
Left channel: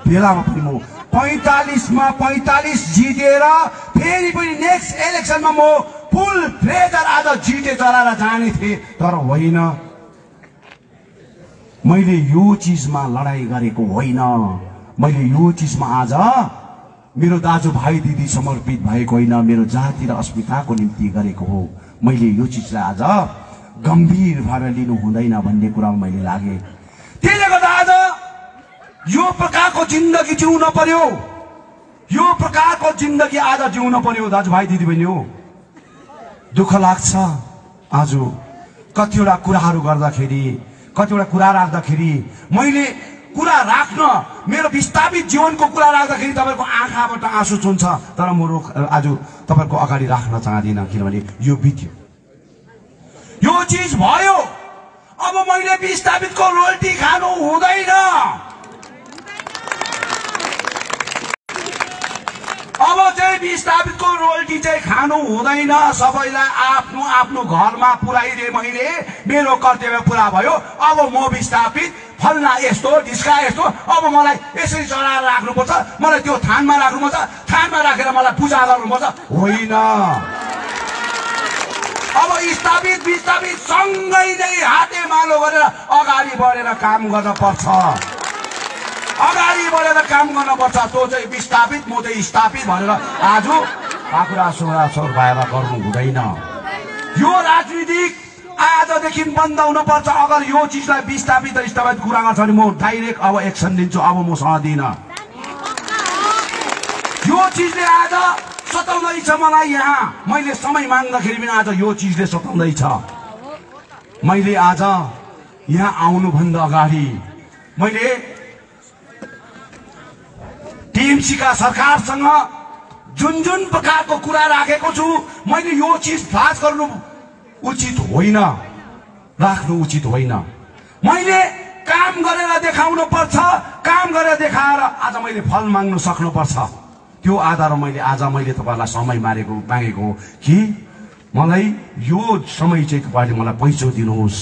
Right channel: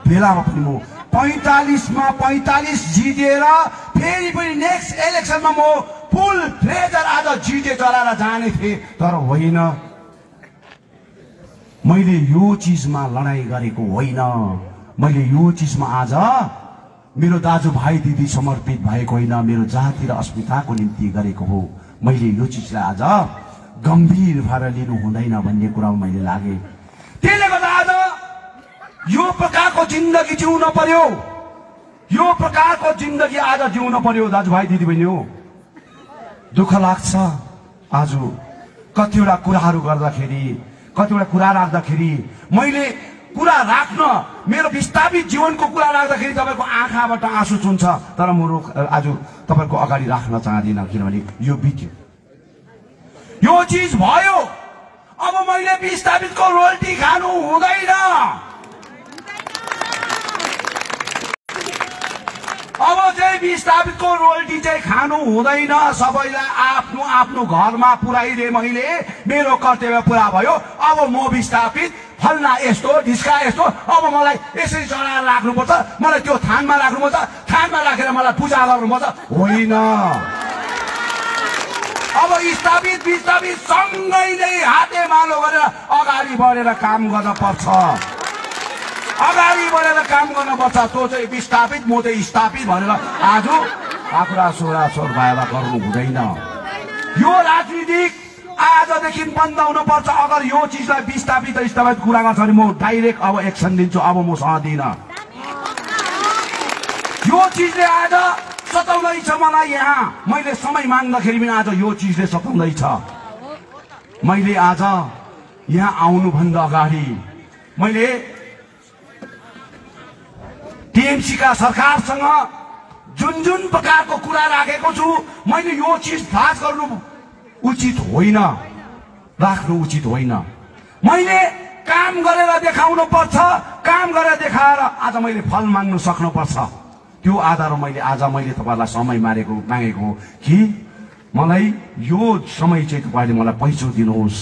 बेलामा पनि म 45 जितेर फेरि पनि नेक्स्ट इलेक्सनमा म फुल फ्लेजर आज जिते चलाएर जाने थिए, तर होइन। मैले यो चीजमा लडाई गरेको होइन, मैले यो चीजमा आज मेरो दाजुभाइ दिदी समर्पित भएको होइन, मेरो जाति र अस्मिताको निम्ति गरेको हो। मैले यो चीजलाई आज गम्भीर भएर लिनु हुँदैन भन्ने कुरामा मैले लागे। त्यसले गर्दा आज यो प्रकारको जिन्दगी जिउन पर्यो, यो प्रकारको जिन्दगी आज जिउन पर्यो दाजुभाइ दिदीबहिनी हो। दुःख लाग्छ आज कतिवटा कुराहरू गर्दाखेरि, कतिवटा कुरा राख्दाखेरि, मैले कुरा राख्न, मेरो विस्थापित जीवनको कुरा राख्दाखेरि तपाईको आँखाबाट आँसु चुन्छ, तर म आज तपाईको अगाडि राख्न चाहदिन, किनभने यो बित्यो, यो चीज भयो। अब मैले विस्थापितको रोल्टी खानु हुँदैन, अब चाहिँ विस्थापितको रोल्टी चाहिँ खानु हुँदैन। सबैलाई आफ्नो आफ्नो घरमा पुर्याइदिए मैले, मेरो कर्तव्य पुरा भयो। अब म विस्थापित फल्ना यस्तो ढिस्का यस्तो, अब मलाई यसरी चढाएर राख्नुपर्छ, मलाई त्यो थानमा राख्नुपर्छ, थानमा राखेर मलाई पूजा गर्नुपर्छ, होइन। अब विस्थापित सँगै नै हातेमालो गरेर अगाडि बढेर काम गर्न पर्छ, अगाडि बढेर काम गर्न पर्छ। त्यो चाहिँ विस्थापित, म चाहिँ स्थापित भनेर आज आँखुरा सोर भएर गर्नु हुँदैन। यो राजनीतिक आजदेखि बन्द हुन पर्छ। अगर यो चीजलाई विस्थापित र स्थापित कुरा गर्छ भने म डाइरेक्ट अब एक्सन लिन्छु, अब म सहदिन। यो चीजले आज सताउँदैछ मलाई। यहाँ मैले समय माग्दाखेरि पनि आज यो चीजले सताउँदैछ। मैले आज यहाँ आउनुभन्दा अगाडि मैले टीएमसी का सरकारसँग जुन प्रकारको कुरा राखेको छु, मैले यो चीज फास गर्नु उचित होइन, राख्नु उचित होइन। मैले काम गरेर देखाउनु पर्छ, काम गरेर देखाएर आज मैले फल माग्नु सक्नुपर्छ। त्यो आधारमा मैले आज तपाईलाई समय मागेको कि मलाई यो समय चाहिँ तपाईले मलाई पैसा दिनुहोस्,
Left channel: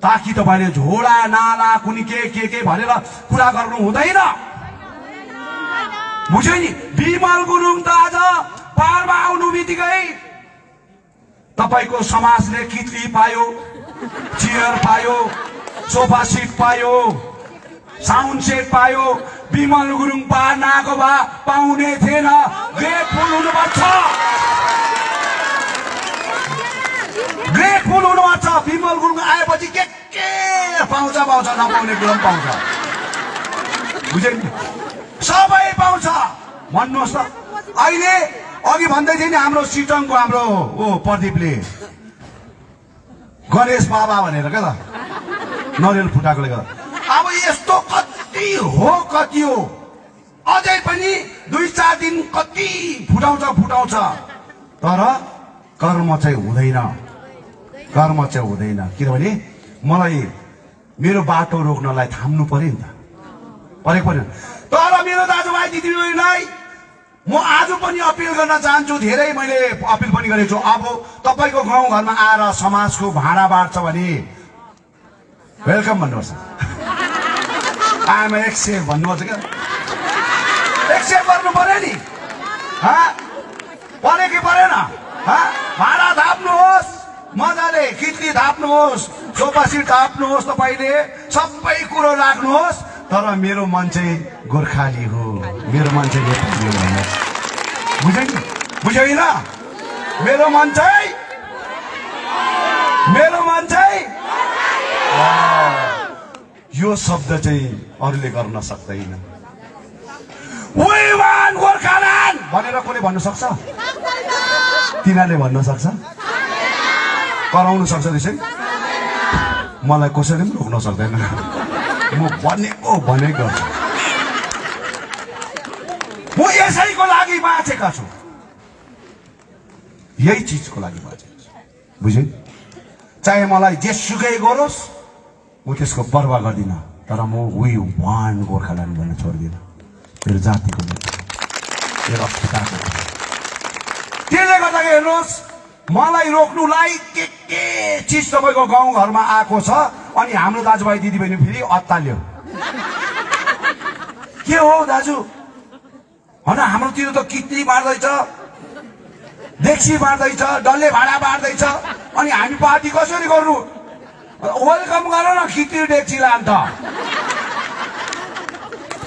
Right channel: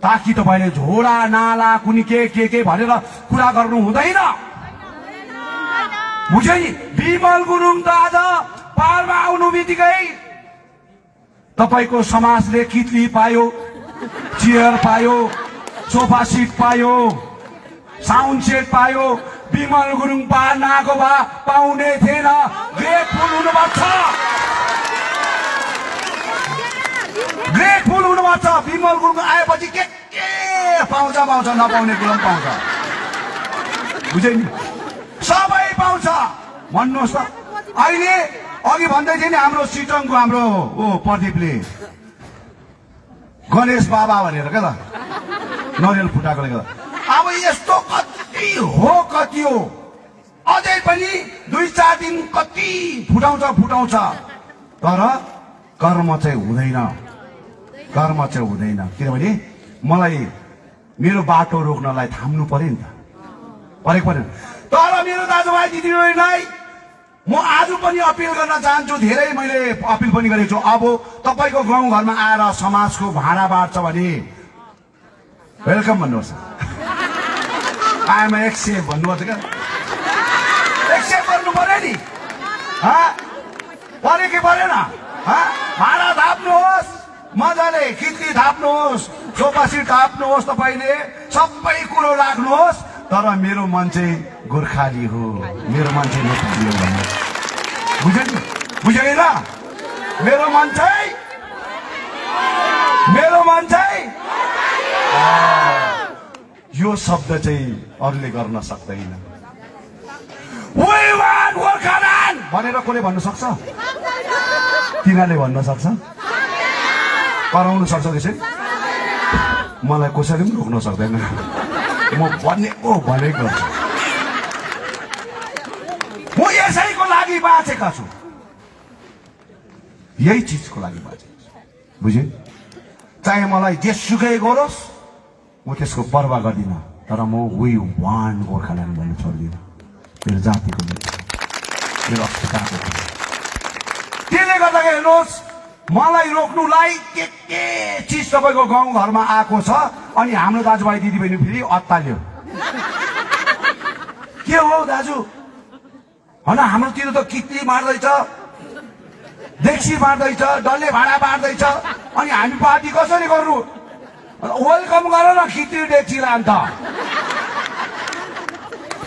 ताकि तपाईले झोडा नाला कुनै के भनेर कुरा गर्नु हुँदैन। बुझ्यो नि? बिमल गुरुङ त आज पारमा आउनु बित्तिकै तपाईको समाजले कितली पायो, चेयर पायो, सोफा सिट पायो, साउन्ड सेट पायो। बिमल गुरुङ पार नआएको भए पाउने थिएन। ग्रेटफुल हुनुपर्छ, ग्रेटफुल हुनुपर्छ। बिमल गुरुङ आएपछि के पाउँछ नपाउने कुरा पनि पाउँछ। बुझ्यो नि? सबै पाउँछ। भन्नुहोस् त, अहिले अघि भन्दै थियो नि हाम्रो सिटङको हाम्रो प्रदीपले गणेश बाबा भनेर क्या त नरियल फुटाकोले गर्दा। अब यस्तो कति हो अझै पनि 2-4 दिन कति फुटाउँछ, तर कर्म चाहिँ हुँदैन। किनभने मलाई मेरो बाटो रोक्नलाई थाम्नु पर्यो नि त, परेको। तर मेरो दाजुभाइ दिदीबहिनीलाई म आज पनि अपिल गर्न चाहन्छु, धेरै मैले अपिल पनि गरेको छु। अब तपाईको गाउँघरमा आएर समाजको भाँडा बाँड्छ भने वेलकम भन्नुहोस्। आइएम एक्सेप्ट भन्नुपर्छ क्या, एक्सेप्ट गर्नु पर्यो नि। पऱ्यो कि परेन? भाँडा थाप्नुहोस्, मजाले कितली थाप्नुहोस्, सोफा सिट थाप्नुहोस्, तपाईले सबै कुरो राख्नुहोस्। तर मेरो मन चाहिँ गोर्खाली हो, मेरो मन चाहिँ नेपाली हो। बुझ्दैन? मेरो मन चाहिँ यो शब्द चाहिँ अरूले गर्न सक्दैन। वी वान गोर्खाल्यान्ड भनेर कसले भन्नु सक्छ? तिनीहरूले भन्नु सक्छ, कराउनु सक्छ। त्यसै मलाई कसैले पनि रोक्न सक्दैन। म भनेको गर्छु। म यसैको लागि बाँचेका छु, यही चिजको लागि बाँचेको छु। बुझ्यो? चाहे मलाई जेसुकै गरोस् म त्यसको परवाह गर्दिनँ, तर म वी वान गोर्खाल्यान्ड भन्ने छोड्दिनँ। मेरो जातिको मेरो अस्मिताको। त्यसले गर्दा हेर्नुहोस्, मलाई रोक्नुलाई के चिज तपाईको गाउँघरमा आएको छ। अनि हाम्रो दाजुभाइ दिदीबहिनी फेरि अत्ताल्यो। के हो दाजु? हाम्रोतिर त कितली बाँड्दैछ, डेक्सी बाँड्दैछ, डल्ले भाँडा बाँड्दैछ, अनि हामी पार्टी कसरी गर्नु? वेलकम गर न, कितली डेक्सी लाम त।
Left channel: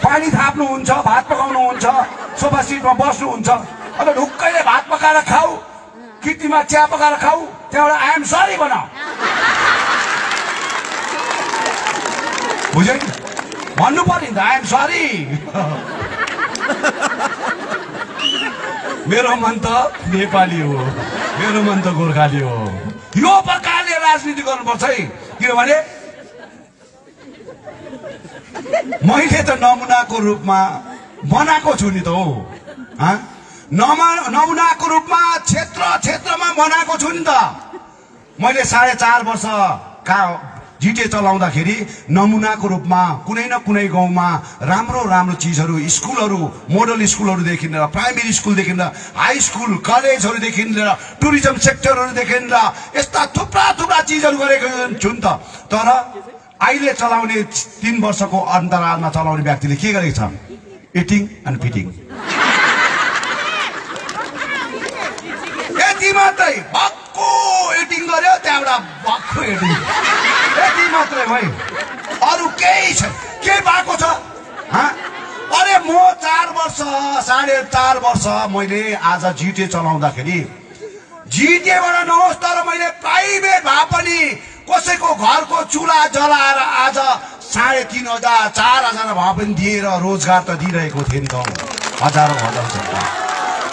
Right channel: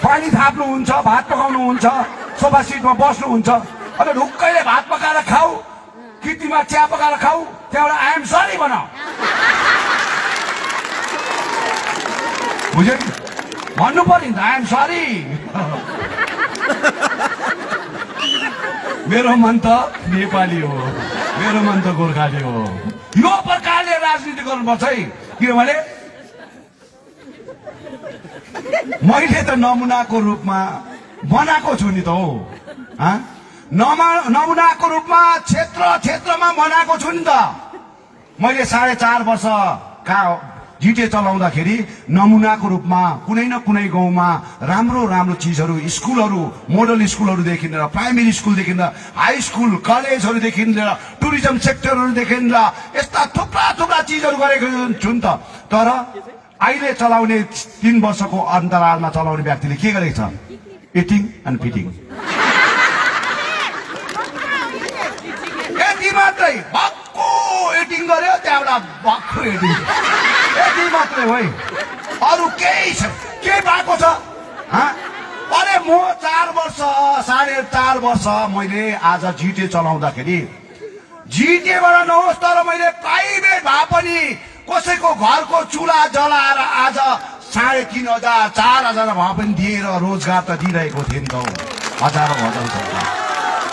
पानी थाप्नुहुन्छ, भात पकाउनुहुन्छ, सोफा सिटमा बस्नुहुन्छ, अब ढुक्कैले भात पकाएर खाऊ, कितलीमा चिया पकाएर खाऊ, त्यहाँबाट आई एम सरी भन। बुझ्यो नि? भन्नु पर्यो नि त, आई एम सरी। मेरो मन त नेपाली हो, मेरो मन त गोर्खाली हो। यो प्रकारले राजनीति गर्नुपर्छ है। किनभने मैले त नमुनाको रूपमा बनाएको छु नि त हो। नमुनाको रूपमा क्षेत्रमा बनाएको छु नि त। मैले 4.5 वर्ष जिटे चलाउँदाखेरि नमुनाको रूपमा कुनै न कुनै गाउँमा राम्रो चिजहरू, स्कुलहरू, मोडल स्कुलहरूदेखि लिएर प्राइमेरी स्कुलदेखि लिएर हाई स्कुल कलेजहरूदेखि लिएर टुरिज्म सेक्टरहरूदेखि लिएर यस्ता थुप्रा चिजहरू गरेको छु नि त। तर अहिले चलाउने 3 वर्षको अन्तरालमा चलाउने व्यक्तिले के गरेको छ? Eating and fitting. यति मात्रै भक्कु एडिङ गर्यो, त्यहाँबाट भक्कु एडिङ, यति मात्रै हो है, अरू केही छैन। के भएको छ? अरे म 4 वर्ष 4.5 वर्ष मैले आज जिटे चलाउँदाखेरि जिटेबाट नहोस्, तर मैले प्राइभेट भए पनि कसैको घरको चुला जलाएर आज 3,500 4,000 भए पनि दिएर रोजगार त दिइरहेको थिएँ नि त। हजारौं हुँदैछ।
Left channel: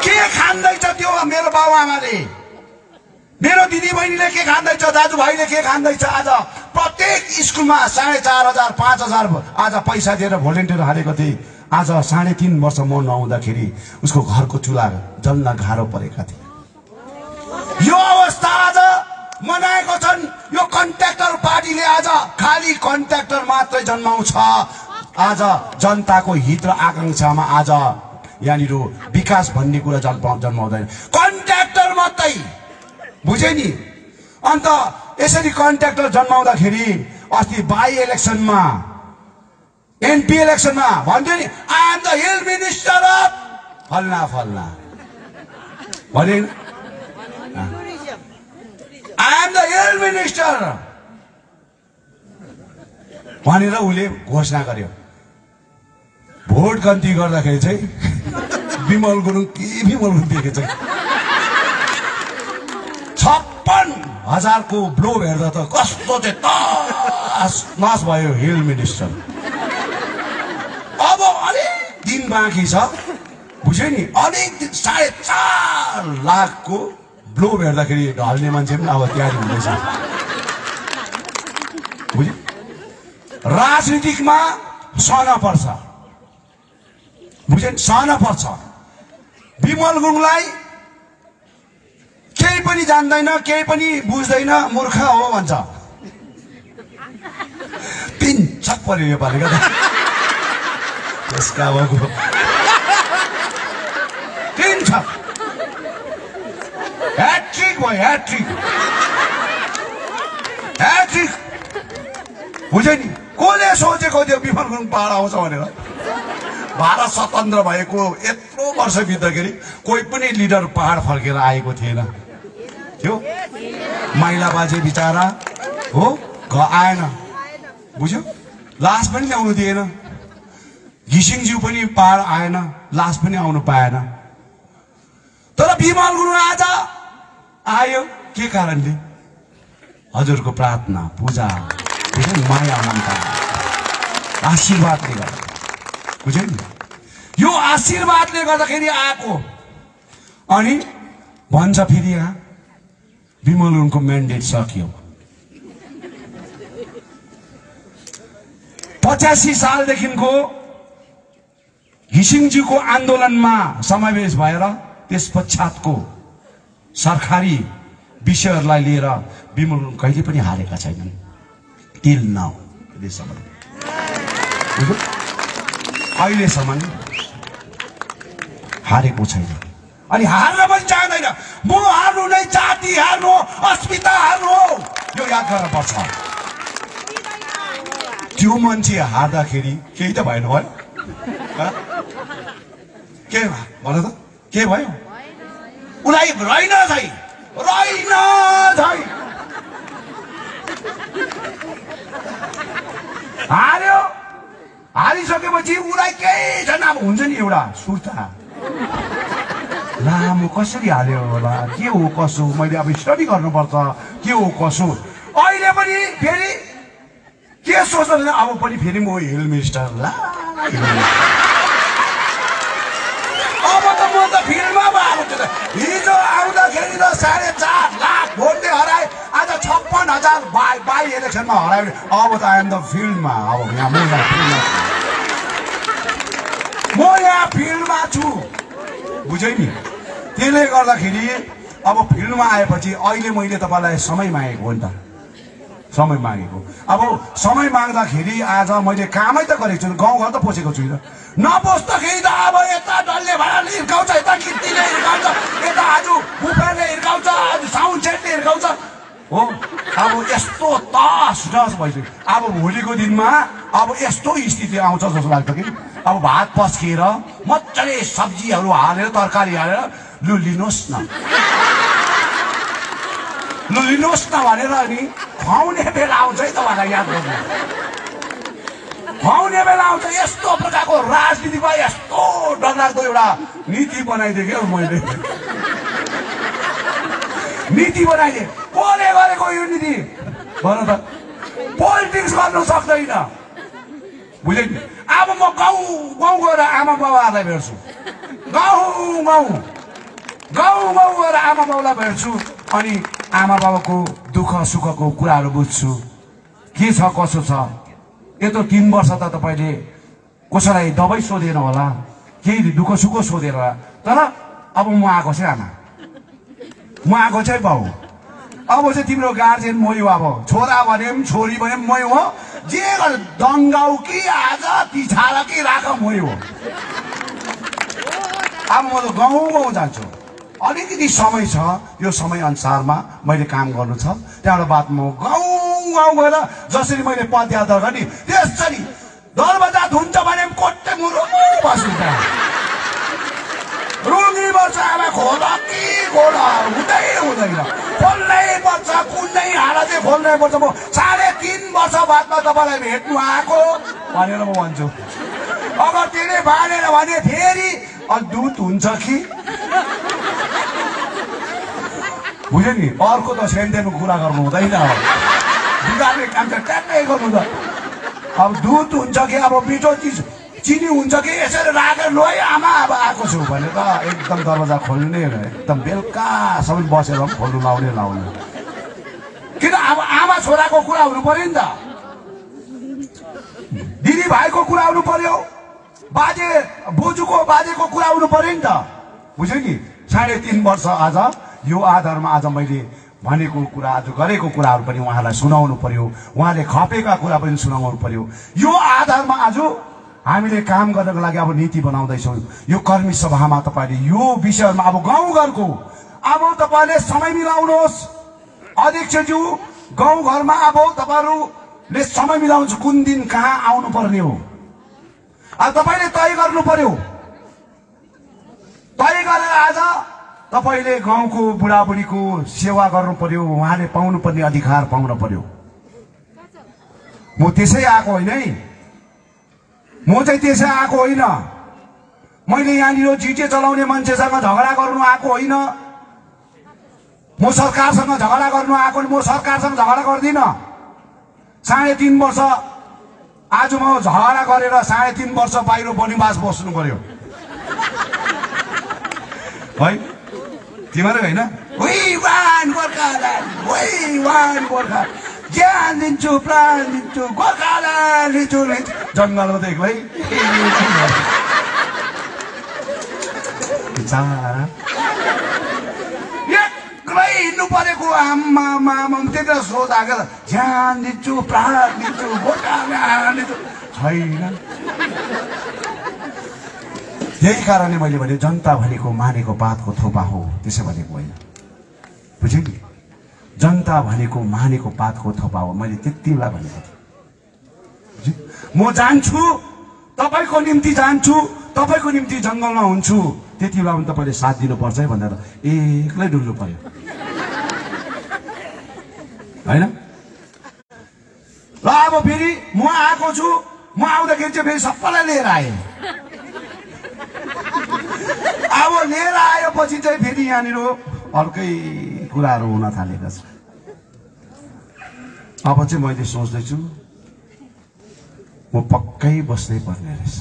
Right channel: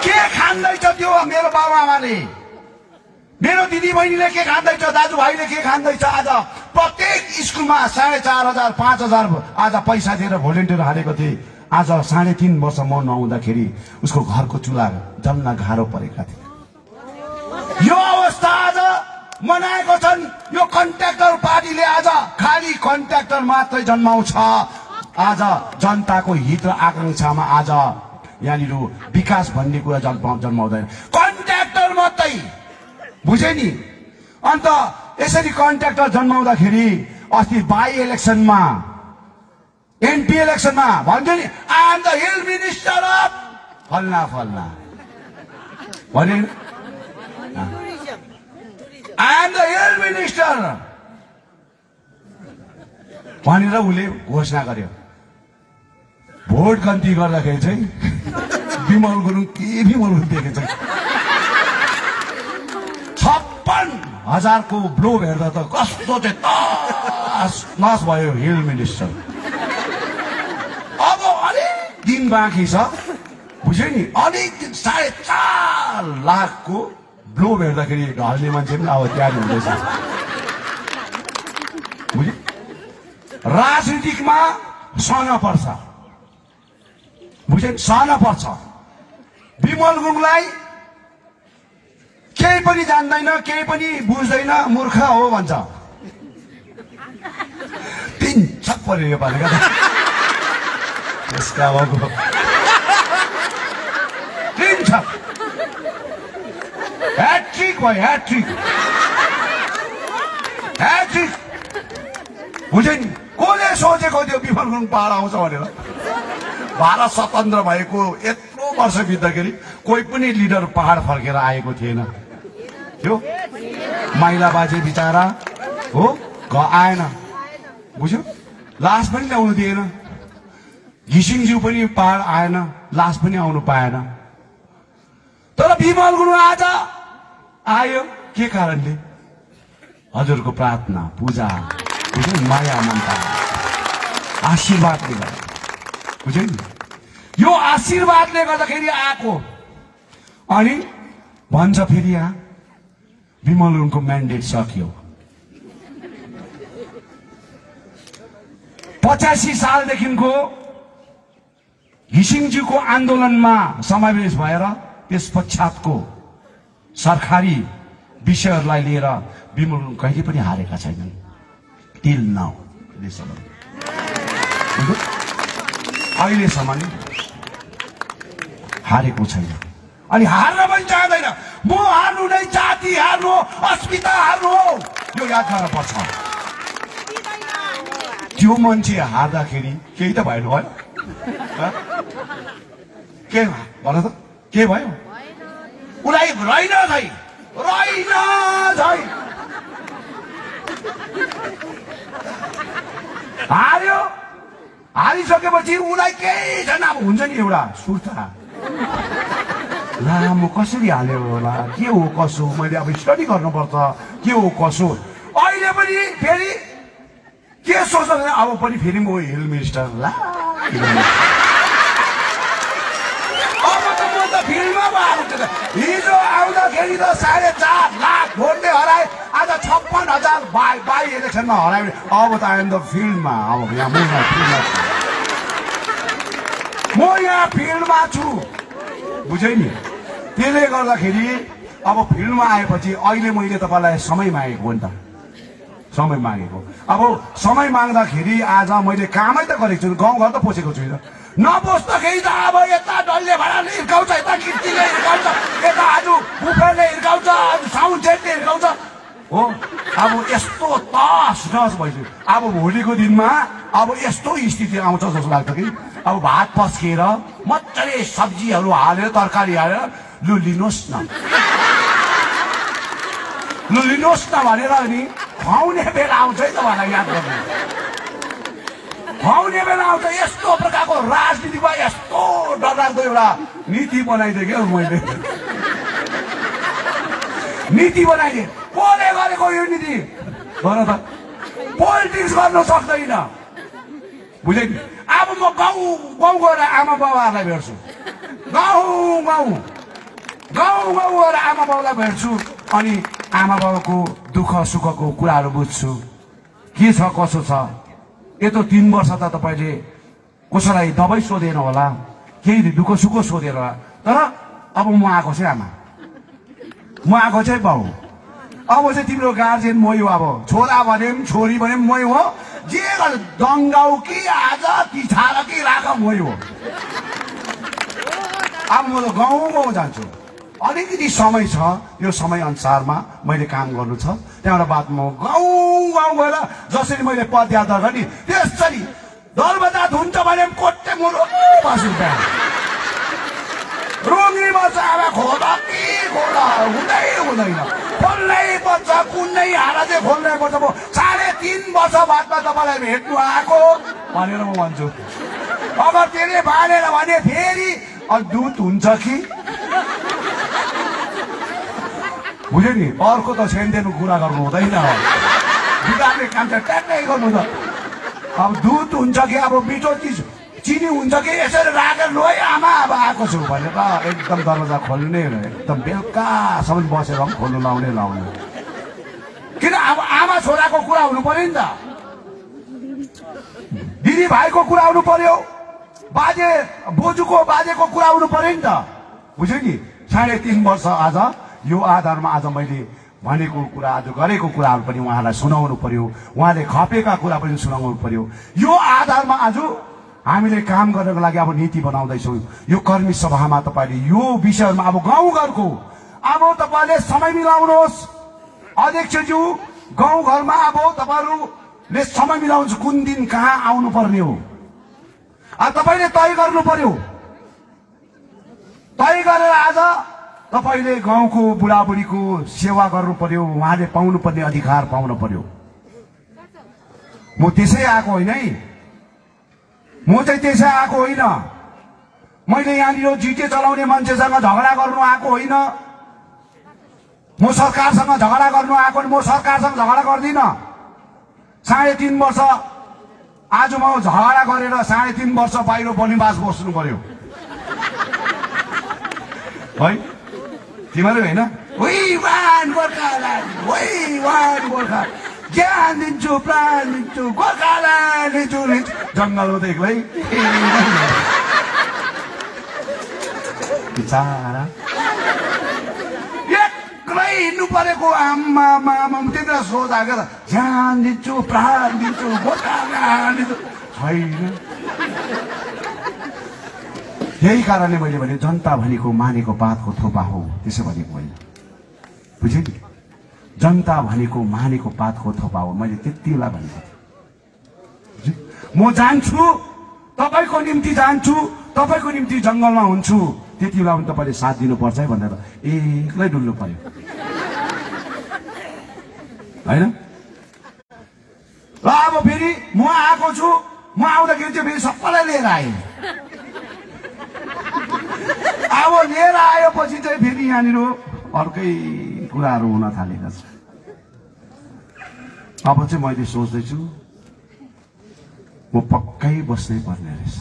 के खाँदैछ त्यो मेरो बाबुआमाले, मेरो दिदीबहिनीले के खाँदैछ, दाजुभाइले के खाँदैछ? आज प्रत्येक स्कुलमा 4,500 5,000 आज पैसा दिएर भोलिन्टियर हालेको थिए। आज 3.5 वर्ष म नहुँदाखेरि उसको घरको चुला जल्न गाह्रो परेका थिए। यो अवस्था आज मनाएको छन्। यो कन्ट्र्याक्टर पार्टीले आज खाली कन्ट्र्याक्टर मात्रै जन्माउँछ। आज जनताको हित र आकांक्षामा आज यहाँनिर विकास भन्ने कुरा जन्माउँदैन, कन्ट्र्याक्टर मात्रै। बुझे नि? अन्त यसरी कन्ट्र्याक्टर जन्माउँदाखेरि अस्ति बाई इलेक्सनमा एमपी इलेक्सनमा भन्थ्यो नि, I am the hill minister of फल्ना फल्ना भने, I am the hill minister भनेर उसले घोषणा गर्यो। भोट गन्ती गर्दाखेरि चाहिँ विमल गुरुङ विमल गुरुङ दिएको चाहिँ 56,000 को ब्लो हेर्दा त कस्तो चाहिँ तस भयो हिल मिनिस्टर। अब अलिक दिन बाँकी छ, बुझ्यो नि? अलिक दिन 4.5 लाख को ब्लो हेर्दाखेरि ढल्ने मान्छे पनि अब तयारी हुँदैछ। बुझ्यो? राजनीतिकमा सहन पर्छ, बुझ्यो? सहन पर्छ। विमल गुरुङलाई केही पनि जान्दैन, केही पनि बुझ्दैन, मूर्ख हो भन्छ। 3 छप्पर यो पालेका यसका अबको 3 छप ह्याट्रिक भयो, ह्याट्रिक ह्याट्रिक। बुझ्यो नि? कसले सोचेको थियो विमल गुरुङ पहाड आउँछ भनेर? भारत स्वतन्त्र भएको यत्रो वर्ष बित्दाखेरि कोही पनि लिडर पहाड फर्केर आएको थिएन थियो। माइला बाजे बिचारा हो आएन, बुझ्यो? लास पनि ल्याउनु दिएन। घिसिङज्यू पनि पहाड आएन, लास पनि आउनु पाएन। तर विमल गुरुङ आज आयो के कारणले? हजुरको प्रार्थना पूजा, माया ममता आशीर्वादले गर्दा, बुझ्यो नि? यो आशीर्वादले गर्दाखेरि आएको। अनि भन्छ फेरि यहाँ विमल गुरुङको म्यान्डेट सकियो। 85 सालदेखिको घिसिङज्यूको आन्दोलनमा समावेश भएर त्यस पश्चातको सरकारी विषयहरूलाई लिएर विमल गुरुङ कहिले पनि हारेका छैनन्। टिल नाउ अहिलेसम्म हारेको छैन। अनि हार्न पनि चाहँदैन। म हार्नु नै जाति हार्नु, अस्मिता हार्नु हो, यो याद गर्नुपर्छ। त्यो मान्छे हार्दाखेरि केही त भएन भयो? के भन त के भयो? उसलाई रहेन छै, रहेन छै। हार्यो, हारिसकेपछि उसलाई केही छैन। अब हुन्छ नि एउटा सुर्ता, ला म कसरी हाल्यो होला, के हो कसो, मैले अब स्टडी गर्नुपर्छ, के हो कसो। अहिले पनि फेरि के सोच्छ, अब पनि फेरि म हिल मिनिस्टर ला। अब त म त फिल्डमा भएको थिएन। हिजो आउँदाखेरि त 4.5 लाख भोटले हराए, आज 56,000 बाई इलेक्सनमा हरायो। अब त आइएम द फिल्डमा। अब म यहाँ फिल्डमा छु, बुझ्यो नि? त्यसले गर्दाखेरि अब फिल्डमा आएपछि अहिले मैले तपाईँलाई समय मागेको हो नि त, समय मागेको। अब समय माग्दाखेरि आज मैले कामै त गरेको छु, गाउँघर त पसेको छुइनँ। नपस्दाखेरि त अब यता डल्ले भाडाले हिर्काउँछ, यता किर्तीले हिर्काउँछ, यता आज बुफेरले हिर्काउँछ, आज साउन्ड सेटले हिर्काउँछ हो। अब यस्तो तस नस भइसक्यो। अब भोलिको दिनमा अब यस्तो स्थिति आउँछ जस्तो लाग्छ कि अब भात पस्किएर मजाले सब्जीहरू हालेर तरकारी हालेर लु लिनुहोस् न, लु लिनुहोस् न भनेर नि खुवाउने बेला आउँछ है। तपाईँलाई याद गर्नु, खुवाउने बेला आउँछ। यस्तो प्रकारको राजनीतिमा यस्तो डरलाग्दो एउटा नीति बनाइदिएँ क्या मैले। नीति बनाइदिए। कसले गरेको यो नीति भन त? पोलिटिक्स गर्न सक्दैन, बुझ्यो नि? अब म गाउँ गाउँ गएर आमा बाबाहरूलाई भेट्छु, गाउँ गाउँ गएर आमा बाबालाई भेट्छु। अनि आमा बाबाको दुःख सुखको कुराहरू बुझ्छु, के छ कसो छ। यत्रो 3 वर्ष त तपाईँले कसैलाई दबाई सोधेर होला, केही दुःख सुख सोधेर होला। तर अब म आएको चाहिँ आमा, म आएको चाहिँ बाउ। अब चाहिँ तिम्रो गार्जेन मै हो, अब छोरा भने पनि छोरी भने पनि मै हो, जे गर दङ्गाउ कि आज पिछाडा कि राख मै हो। अब म त गाउँ जान्छु, अलिकति समय छ, यो समय अनुसारमा मैले काम गर्नु छ, त्यहाँबाट बात म गाउँ गएर जसरी मैले पदयात्रा गरेँ त्यसरी दरबजा धुन्छ भने कोट्टे मुरो बस्नु रोगी बच्च अब खोला कि खोला हुँदैन खोल्नै पर्छ, कुनै हालत चाहिँ खोल्नै पर्छ। म 3.5 वर्ष बादमा तपाईँलाई भेट्नु आएको भनेर म भन्छु। अगर त्यसले बाँडेर भने फेरि दुध हुन्छ कि बुझ्यो नि, अर्को त सेन्टेको कुरा गर्नु हुँदैन, बिगार्ने काम चाहिँ ट्याक्कै गर्नु त। अब दुध हुन्छ कि अब मिठो चिज चिनी हुन्छ कि यसरी राखेर लो है आमा अब आएको छु भने त एकदम दरवाजा खोल्ने, एकदम बेलुकासम्म बसेर खोल्नु लाउने। किन अब आमा छोराको कुरा हुनु पर्यो नि त, दिदी भाइको कुरा हुनु पर्यो, बाजे बोजूको बाजेको कुरा हुनु पर्यो नि त, बुझ्यो नि। 3.5 वर्ष आज यो आधारमा आज मैले भनेको कुरा, आज गरेको कुराहरू पनि उहाँलाई सुनाउनु पर्यो, उहाँले खपेका कुरा पनि सुनाउनु पर्यो। यो आधारमा आज हामीले काम गर्नको लागि अब नीति बनाउँदैछौँ। यो कर्मी सभामा तपाईँले यो विषयमा अब गाउँघरको अब तपाईँले समय मिलाउनुहोस्। अध्यक्षज्यू गाउँघरमा अब तपाईँहरूले समय मिलाउनु, कुन दिन कहाँ आउनु पर्ने हो अब तपाईँले तय गर्नु पर्यो। तय गरेर आज तपाईँले गाउँको बुढाबुढीको सेवा गर्नु पर्यो, उहाँले पाउनुपर्ने अधिकार पाउनु पर्यो। म त्यसै आएको होइन है, म चाहिँ त्यसै आएको होइन। मैले यहाँनिर जिटे चलाउने मान्छेसँग झगडा गर्नु आएको होइन, म सरकारसँग झगडा गर्नु आएको, म सरकारसँग झगडा गर्दिनँ। 3.5 वर्ष आज म झगडा गरेर 3.5 वर्ष बाहिर वनवास बस्नु पर्यो है, तिमीले होइन। ज्ञान दिन्छु, प्राण दिन्छु, गोर्खाल्यान्ड लिन्छु, जङ्गलमा त एक्लै एक्लै हिँड्नु परेको आमा त्यति सोधाएको ज्यान दिन्छु, प्राण दिन्छु, गोर्खाल्यान्ड दिन्छु छैन। यही कारणले मैले भने जनता भनेको मानेको पातको थोपा हो, त्यसो भनेको होइन, बुझ्यो नि। जनता भनेको मानेको पातको थोपा हो, मैले त्यतिलाई भनेको थिएँ। म जान्छु, तपाईँको निम्ति जान्छु, तपाईँको निम्ति जङ्गलमा हुन्छु, त्यति बेला पनि तपाईँले साथ दिनुपर्छ है भनेर एक्लै डुल्नु पर्यो होइन। र अब फेरि म आएको छु, म आउँदाखेरि चाहिँ फेरि सबैलाई लिएर आएँ। अब लिएर आएपछि चाहिँ फेरि यहाँनिर अर्कै कुराहरू हुन थालेका छ। अब चाहिँ मैले सोच्दैछु म पक्कै बस्नै पर्ने रहेछ,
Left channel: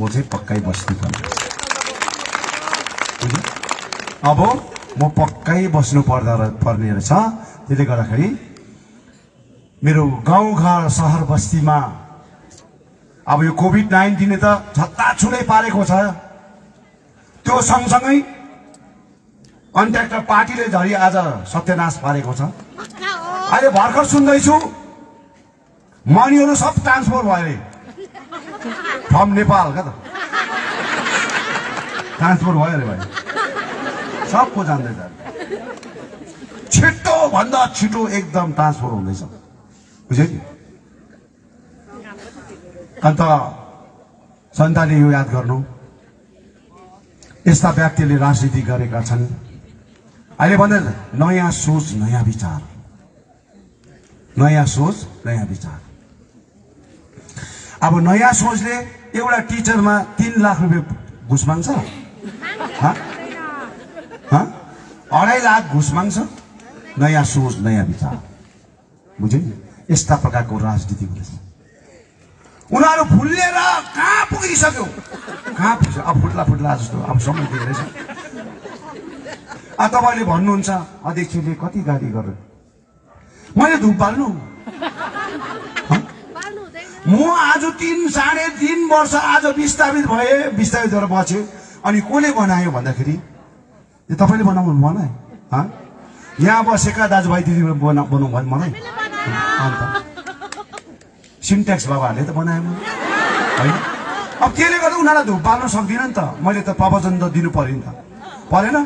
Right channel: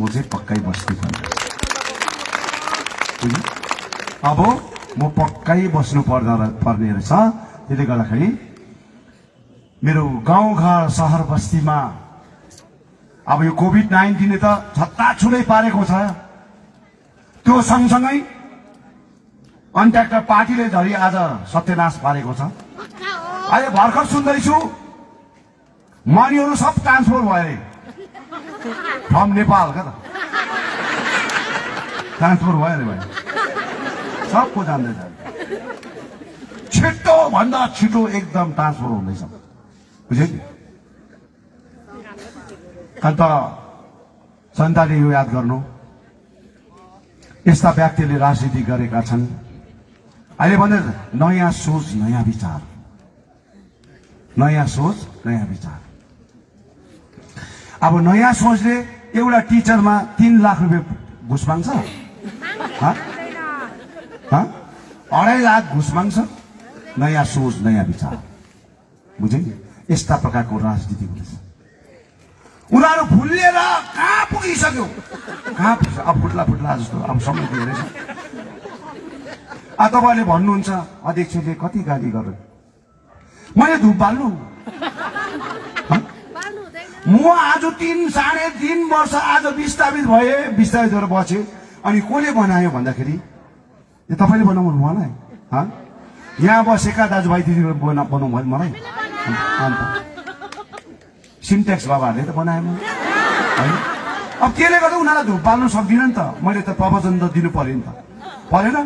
म चाहिँ पक्कै बस्नै पर्ने रहेछ। अब म पक्कै बस्नु पर्ने रहेछ। त्यसले गर्दाखेरि मेरो गाउँघर सहर बस्तीमा अब यो कोभिड-19 त छत्ताछुलै पारेको छ। त्यो सँगसँगै कन्ट्र्याक्टर पार्टीले झरी आज सत्यनाश पारेको छ। अहिले भर्खर सुन्दैछु मनीहरू सब ट्रान्सफर भयो अरे, फ्रम नेपाल क्या त ट्रान्सफर भयो अरे भाइ, सबको जान्दै जान्छ। छिटो भन्दा छिटो एकदम ट्रान्सफर हुँदैछ, बुझ्यो नि। अन्त जनताले यो याद गर्नु, यस्ता व्यक्तिले राजनीति गरेका छन्। अहिले भन्दा नयाँ सोच नयाँ विचार, नयाँ सोच नयाँ विचार। अब नयाँ सोचले एउटा टिचरमा 3 लाख रुपियाँ घुस माग्छ, 2.5 लाख घुस माग्छ। नयाँ सोच नयाँ विचार, बुझ्यो नि। यस्ता प्रकारको राजनीति हुँदैछ। उनीहरू फुल्लिएर कहाँ पुगिसक्यो, कहाँ पुग्छ। अब फुट्ला जस्तो अब समय दिएर तपाईँले भन्नुहुन्छ अध्यक्षले कति गाली गर्यो, मैले धुप बाल्नु। म आज 3.5 वर्ष आज विस्थापित भए, विस्थापित भएर बस्यो। अनि कसले बनायो भन्दाखेरि तपाईँले बनाउनु मलाई यहाँ बसेका दाजुभाइ दिदी बनाउँ भने मलाई अन्त सिन्टेक्स बाबाहरूले त बनाएन होइन। अब त्यसले गर्दा उनीहरूलाई धुप बाल्नु सक्दिनँ नि त। मैले त प्रवचन त दिनु पर्यो नि त, परेन?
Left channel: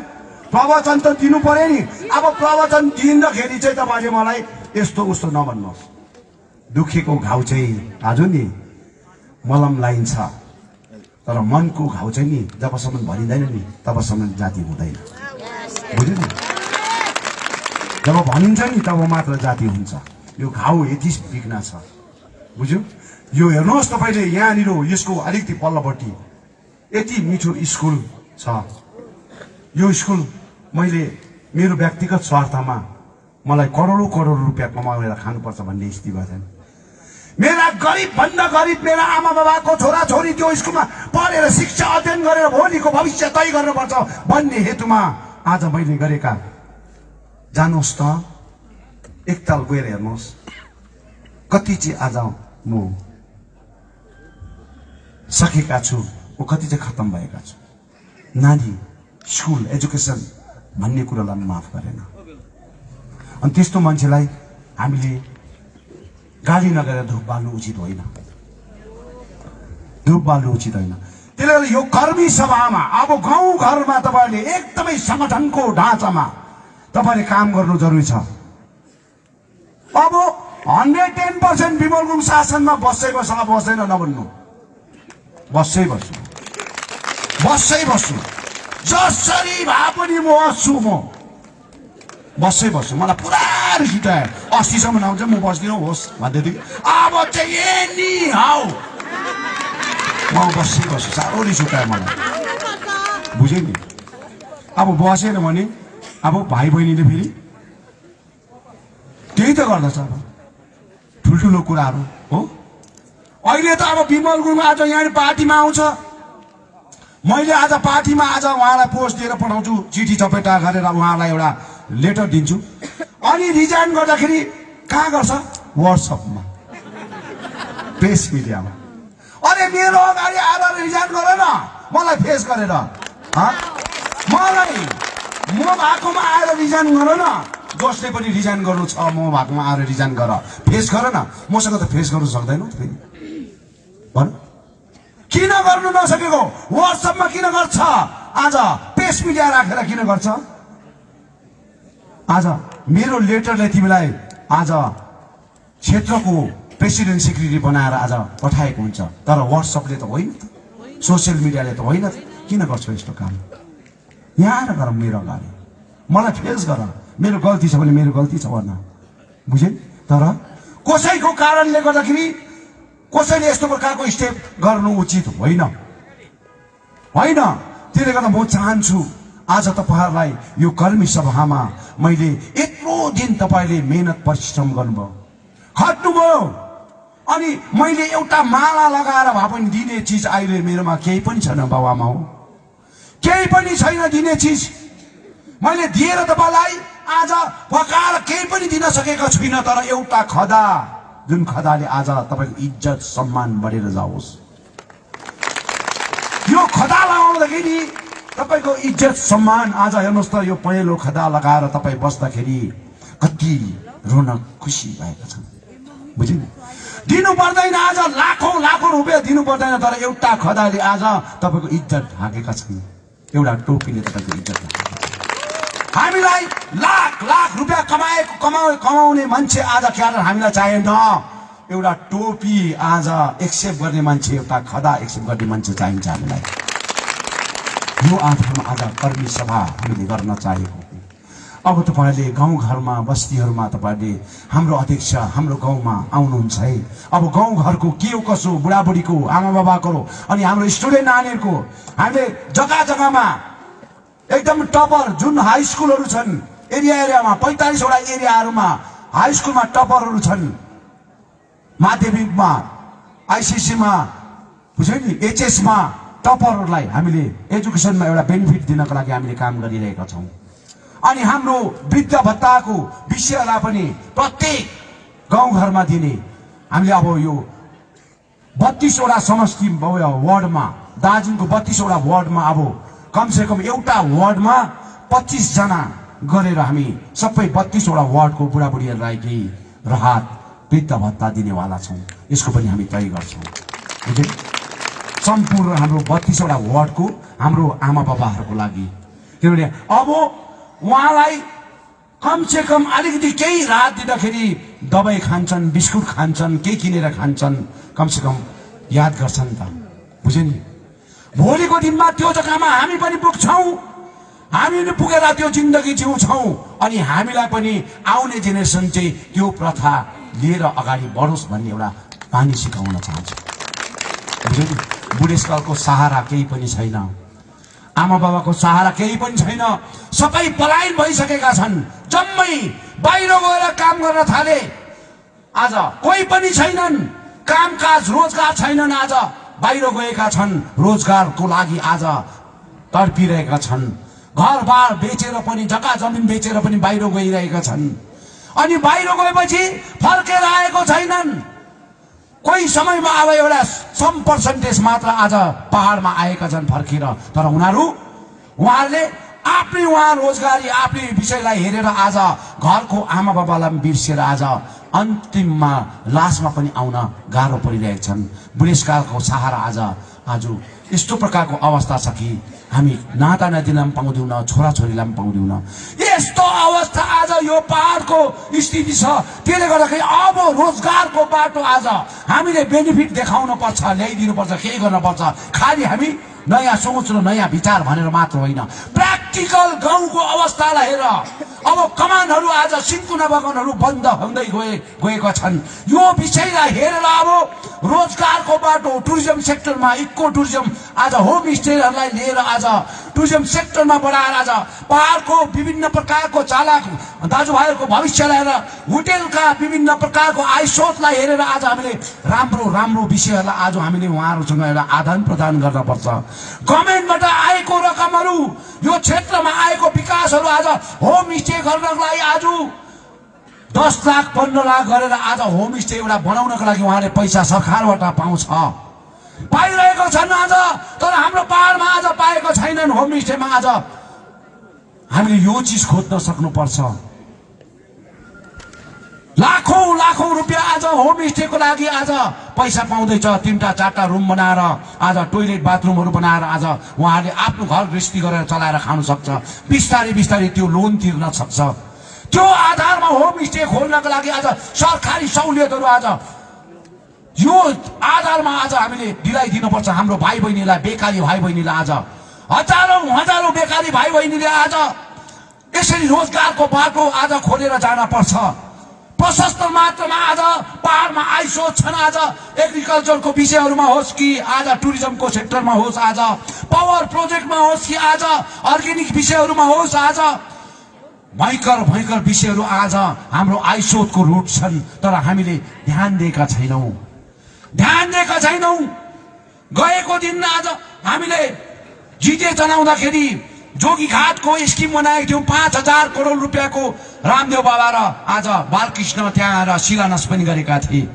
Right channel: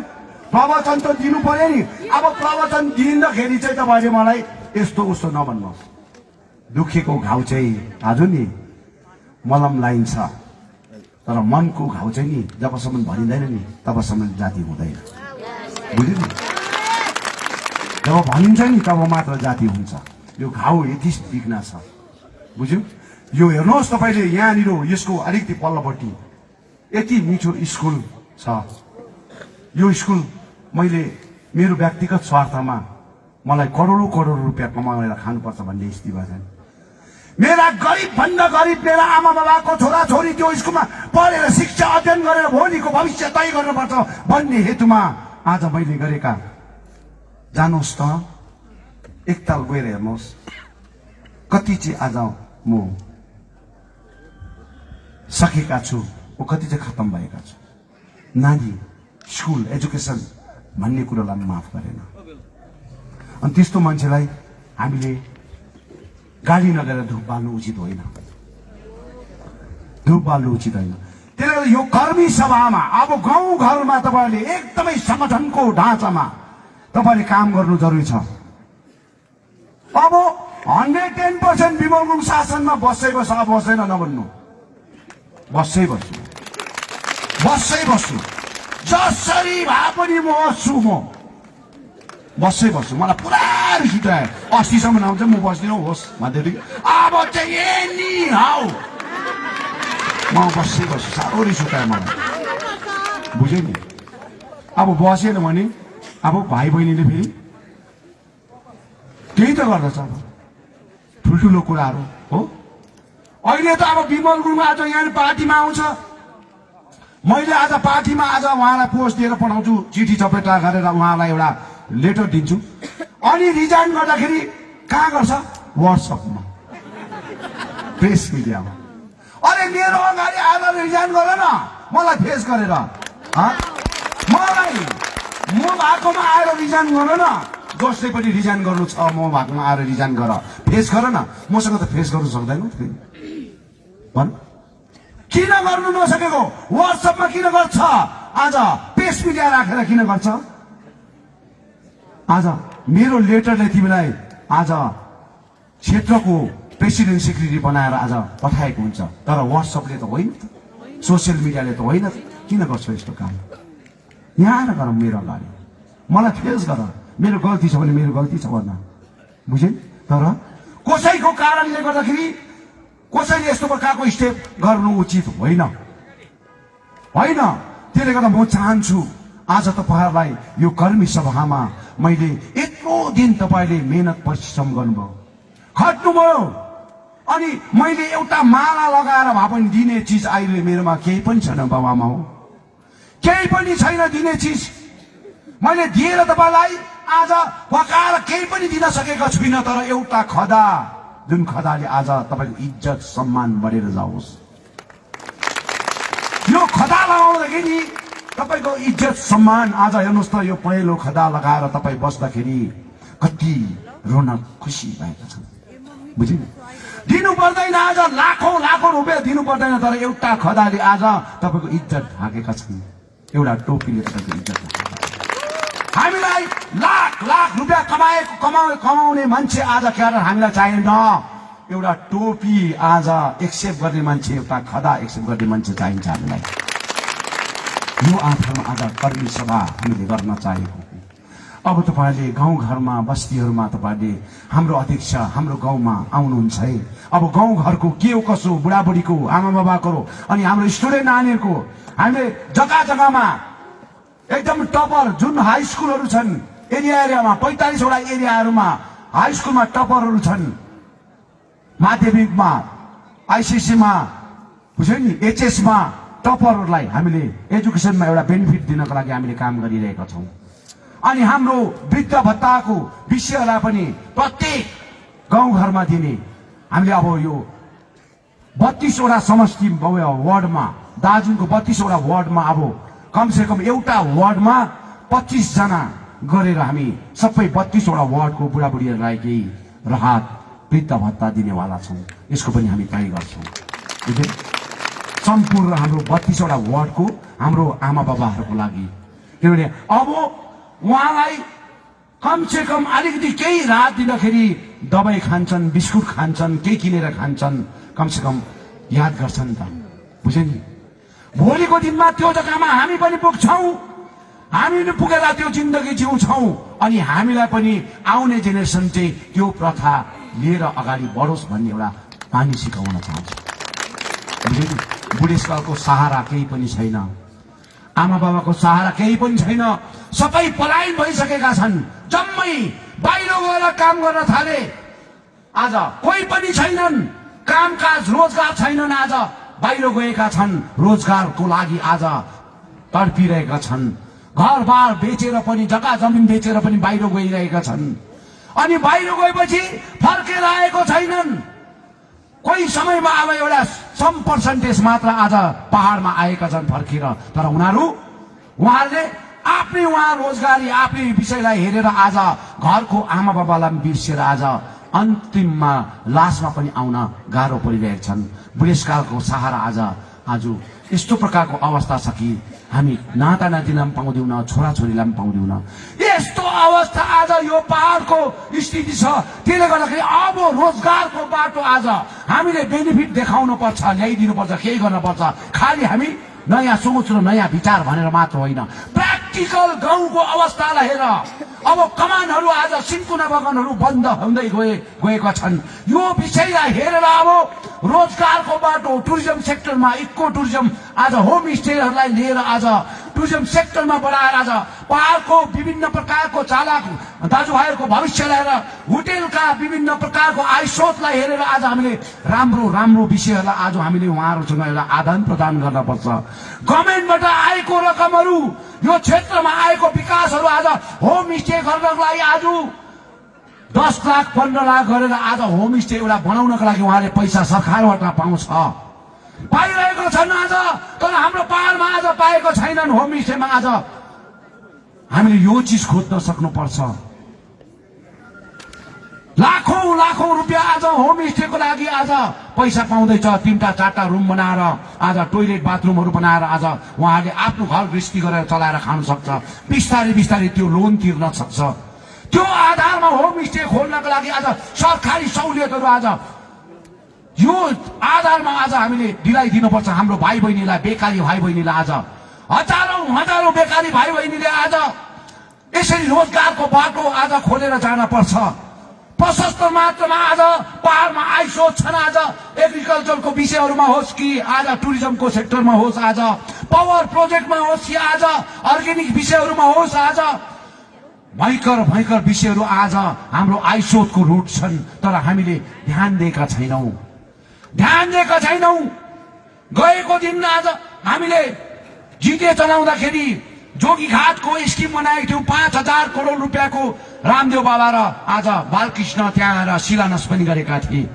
प्रवचन त दिनु पर्यो नि। अब प्रवचन दिँदाखेरि चाहिँ तपाईँले मलाई यस्तो उस्तो नभन्नुहोस्। दुखेको घाउ चाहिँ आज नि मलम लाइन्छ, तर मनको घाउ चाहिँ नि जबसम्म भनिँदैन नि तबसम्म जाति हुँदैन, बुझ्यो नि? जब भनिन्छ नि तब मात्र जाति हुन्छ। यो घाउ यति बिग्न छ, बुझ्यो? यो हेर्नुहोस् तपाईँले यहाँनिर यसको अलिकति पल्लोपट्टि यति मिठो स्कुल छ। यो स्कुल मैले मेरो व्यक्तिगत स्वार्थमा मलाई करोडौं करोड रुपियाँ कमाएर खानुपर्छ भन्ने स्थिति भएन। मेरा गरिब भन्दा गरिब मेरा आमा बाबाको छोरा छोरी त्यो स्कुलमा पढेर शिक्षा अध्ययन गरेर भोलिको भविष्य तय गर्नुपर्छ भन्ने हेतुमा आज मैले गरेका, जानुहोस् त एकताल गएर हेर्नुहोस् कति चाहिँ आज म सकेका छु, ओ कति चाहिँ खत्तम भएका छु। नानी स्कुल एजुकेसन भन्ने कुरोलाई माफ गरेन। अनि त्यस्तो मान्छेलाई हामीले गाली नगरेर धुप बाल्नु उचित होइन, धुप बाल्नु उचित होइन। त्यसले गर्दा यो कर्मी सभामा अब गाउँ घरमा तपाईँले एकदमै संगठनको ढाँचामा तपाईँले काम गर्नु जरुरी छ। अब 110% विमल गुरुङ शासनमा बस्दै बस्छ, बस्दैन नभन्नु, बस्दै बस्छु, बस्दै बस्छु, जसरी भए पनि म बस्छु, म बस्दै बस्छु। मलाई पुरा रिस उठायो, 80सम्म आउँछ म बस्दिनँ होस् भन्दैदेखि अब चाहिँ एनी हाउ म बस्दै बस्छु। साह्रो रिस उठायो मलाई, बुझ्यो नि? अब बसेन भने अब भाइ बहिनीले फेरि त्यही त गर्दछ। अब ठुल्ठुलो कुराहरू हो। अहिले त अब विमल गुरुङ आज यहाँ पार्टीमा आउँछ, मैले आज पार्टीमा आज उहाँलाई पोस्ट दिएर पठाउँछु, चिठी चपेटा गरेर उहाँलाई एउटा लेटर दिन्छु। अनि रिजाइन गर्दाखेरि कहाँ गर्छ? व्हाट्सएपमा, प्रेस मिडियामा। अरे मेरो अगाडि आएर रिजाइन गर न, मलाई फेस गरेर, मलाई म भएकोमा आएर रिजाइन गर न। जसले पनि रिजाइन गर्नु छ म भएकोमा आएर रिजाइन गर, फेस गर न। मसँग त फेस गर्नु सक्दैन भन। किन गर्नु नसकेको? व्हाट्सएपमा किन गर्छ? आज प्रेस मिडिया राखेर किन गर्छ? आज मेरो लेटरले तिमीलाई आज क्षेत्रको प्रेसिडेन्ट सेक्रेटरी बनाएर आज पठाएको हुन्छ, तर व्हाट्सएपले त होइन त, सोसियल मिडियाले त होइन त। किन गर्छौ यस्तो काम? यहाँ आएर गर मेरो अगाडि, मलाई फेस गर। मेरो गल्ती छ भने मेरो गल्ती छ भन्न, बुझ्यो? तर कसैको कारणले गर्दाखेरि कसैले यस्तो प्रकारको स्टेप गर्नु उचित होइन, होइन। त्यसले गर्दा म चाहन्छु आज तपाईहरुलाई यो कर्मी सभामा मैले यत्रो दिन तपाईले मेहनत परिश्रम गर्नुभयो, खट्नुभयो, अनि मैले एउटा माला लगाएर भए पनि दिने चीज अहिले मेरोमा केही पनि छैन बाबामा हो, केही पनि छैन दिने चीज। मैले दिएर तपाईलाई आज पकाएर केही पनि दिन सकेका छुइनँ, तर एउटा खदा, जुन खदाले आज तपाईको इज्जत सम्मान बढेर जाओस्। यो खदा लगाउँदाखेरि तपाईको इज्जत सम्मान आज हेर्नुस् त, यो पहेँलो खदा लगाएर तपाई बस्दाखेरि कति रौनक खुसी भएको छ, बुझ्नु? दिनु पर्दैन आज लाखौं लाखौं रुपैयाँ दिनु पर्दैन, तर एउटा खदाले आज तपाईको इज्जत ढाकेका छन्, एउटा टोपीले तपाईको इज्जत ढाकेका छन्। हामीलाई लाख लाख रुपैयाँ कमाउने मान्छे आज क्याडर हामीलाई चाहिएन, एउटा टोपी आज एक्सेप्ट गर्ने मान्छे, एउटा खदा एक्सेप्ट गर्ने मान्छे चाहिन्छ हामीलाई। यो आधारमा आज कर्मी सभा हामीले गर्न चाहेको। अब तपाईहरुले गाउँ घरमा बस्तीहरुमा तपाईहरुले हाम्रो अध्यक्ष हाम्रो गाउँमा आउनुहुन्छ है। अब गाउँ घरको के हो कसो, बुढाबुढीको, आमा बाबाको अनि हाम्रो स्टुडेन्ट नानीहरुको हामीले जग्गा जग्गामा एकदम टपर जुन हाई स्कुलहरु छन् एरियामा 45 वटा एरियाहरुमा हाई स्कुलमा टपरहरु छन्, माध्यमिकमा आईसीसीमा बुझ्यो नि, एचएसमा टपरहरुलाई हामीले एजुकेसनमा एउटा बेनिफिट दिनको लागि हामीले काम गरिरहेका छौं। अनि हाम्रो वृद्ध भत्ताको विषयलाई पनि प्रत्येक गाउँ घरमा दिने हामीले अब यो 32 वटा समष्टि वार्डमा, दार्जिलिङको 32 वटा वार्डमा अब कम से कम एउटा वार्डमा 25 जना गरेर हामी सबै 32 वटा वार्डको बुढाबुढीहरूलाई केही राहत वृद्ध भत्ता दिनेवाला छौँ। यसको पनि हामी तय गर्छौँ। सम्पूर्ण हाम्रो 32 वटा वार्डको हाम्रो आमा बाबाहरूको लागि, किनभने अब उहाँलाई कमसे कम अलिकति केही राहत दिँदाखेरि दबाई खान्छन्, बिस्कुट खान्छन्, केही किनेर खान्छन्, कमसे कम याद गर्छन् त, बुझ्यो नि। भोलिको दिनमा त्यो जग्गामा हामी पनि पुग्छौँ, हामी पनि पुगेर त्यो जिन्दगी जिउँछौँ अनि हामीलाई पनि आउने जेनेरेसन चाहिँ त्यो प्रथा लिएर अगाडि बढोस् भन्ने एउटा बानी सिकाउन चाहन्छु। बुझ्यो नि। बुढेसकालको सहारा केही पनि छैन, आमा बाबाको सहारा केही पनि छैन, सबै पलायन भइसकेका छन्, जम्मै बाहिर गएर काम गर्न थाले। आज कोही पनि छैनन्, कामकाज रोजगार छैनन्, आज बाहिर गएका छन्, रोजगारको लागि आज तडपिरहेका छन्, घरबार बेचेर पनि, जग्गा जमिन बेचेर पनि बाहिर गइरहेका छन्। अनि बाहिर गएपछि फर्केर आएको छैनन्। कोही समयमा अब एउटा सम पर्सेन्टेज मात्र आज पहाडमा आएका छन् फर्केर, तर उहाँहरूले आफ्नै रोजगारी आफ्नै विषयलाई हेरेर आज घरको आमा बाबालाई बिर्सेर आज अन्तिममा लासमा पनि आउन गाह्रो परिरहेका छन्। बुढेसकालको सहारा आज यस्तो प्रकारको अवस्था छ कि हामी नाता नातिलाई पनि पाउँदैनौँ, छोराछोरीलाई पनि पाउँदैनौँ। यस्तो अवस्था आज यो पहाडको स्थिति छ। त्यसले गर्दाखेरि अब रोजगारको बाटो आज हामीले बेनिफिट देखाउन पर्छ, ल्याइदिनु पर्छ, केही गर्न पर्छ। खालि हामी नयाँ सोच र नयाँ विचार भनेर मात्र होइन, प्र्याक्टिकल गाउँको अवस्थालाई हेर। अब कमानहरू आज सिन्कुना बगानहरू बन्द हुँदै गएका छन्। यो विषयलाई हेरेर अब रोजगारको बाटो टुरिज्म सेक्टरमा, इको टुरिज्म आज होमस्टेहरूलाई लिएर आज टुरिज्म सेक्टरमा बढाएर आज पहाडको विभिन्न प्रकारको चालक दाजुभाइहरूको भविष्यलाई हेरेर होटेलका विभिन्न प्रकारको आयस्रोतलाई हेरेर आज हामीले राम्रो विषयहरूलाई आज हामीले उहाँहरूसँग एउटा आदान प्रदान गर्न पर्छ। गभर्मेन्टबाट आएको रकमहरू, यो क्षेत्रमा आएको विकासहरू आज होमस्टे गर्नको लागि आज 10 लाख 15 लाख गरेर आज होमस्टे एउटा बनाउनको लागि उहाँले पैसा सरकारबाट पाउँछ, पाइरहेको छन् आज। तर हाम्रो पहाडमा आज पाएको छैनन्। होमस्टेमा आज हामीले यो चिज खोज्न सक्नुपर्छ। लाखौं रुपियाँ आज होमस्टेको लागि आज पैसा पाउँदैछ। 3टा 4टा रुम बनाएर आज टोइलेट बाथरुमहरू बनाएर आज उहाँले आफ्नो घर गृहस्थी गरेर चलाएर खान सक्छ। बिस्तारै त्यो लोन तिर्न सक्छ। त्यो आधारमा होमस्टे खोल्नको लागि आज सरकारी सहुलियतहरू आज यो आधारमा आज हामीले दिलाइदिनुपर्छ। हाम्रो भाइ बहिनीलाई, बेकारी भाइ बहिनीलाई आज हजारौं बेकारी भाइ बहिनीले आज यसरी रोजगारको बाटो आज खोलेर जान पर्छ। प्रशस्त मात्रामा आज पहाडमा आइसोच छन्। आज एग्रिकल्चरको विषयहरूमा होस् कि आज टुरिज्मको सेक्टरमा होस्, आज पावर प्रोजेक्टमा होस् कि आज अर्ग्यानिक विषयहरूमा होस्, आज भयंकर विषयहरू आज हाम्रो आइसोचको रुट छन्। तर हामीले ध्यान दिएका छैनौं। गएको दिन आज हामीले जिते जनाउँदाखेरि जोगीघाटको स्किम बनाएको थियौं। 5,000 करोड रुपियाँको रामदेव बाबा र आज बालकृष्ण त्यहाँ आएर शिलान्यास पनि गरेका थिए।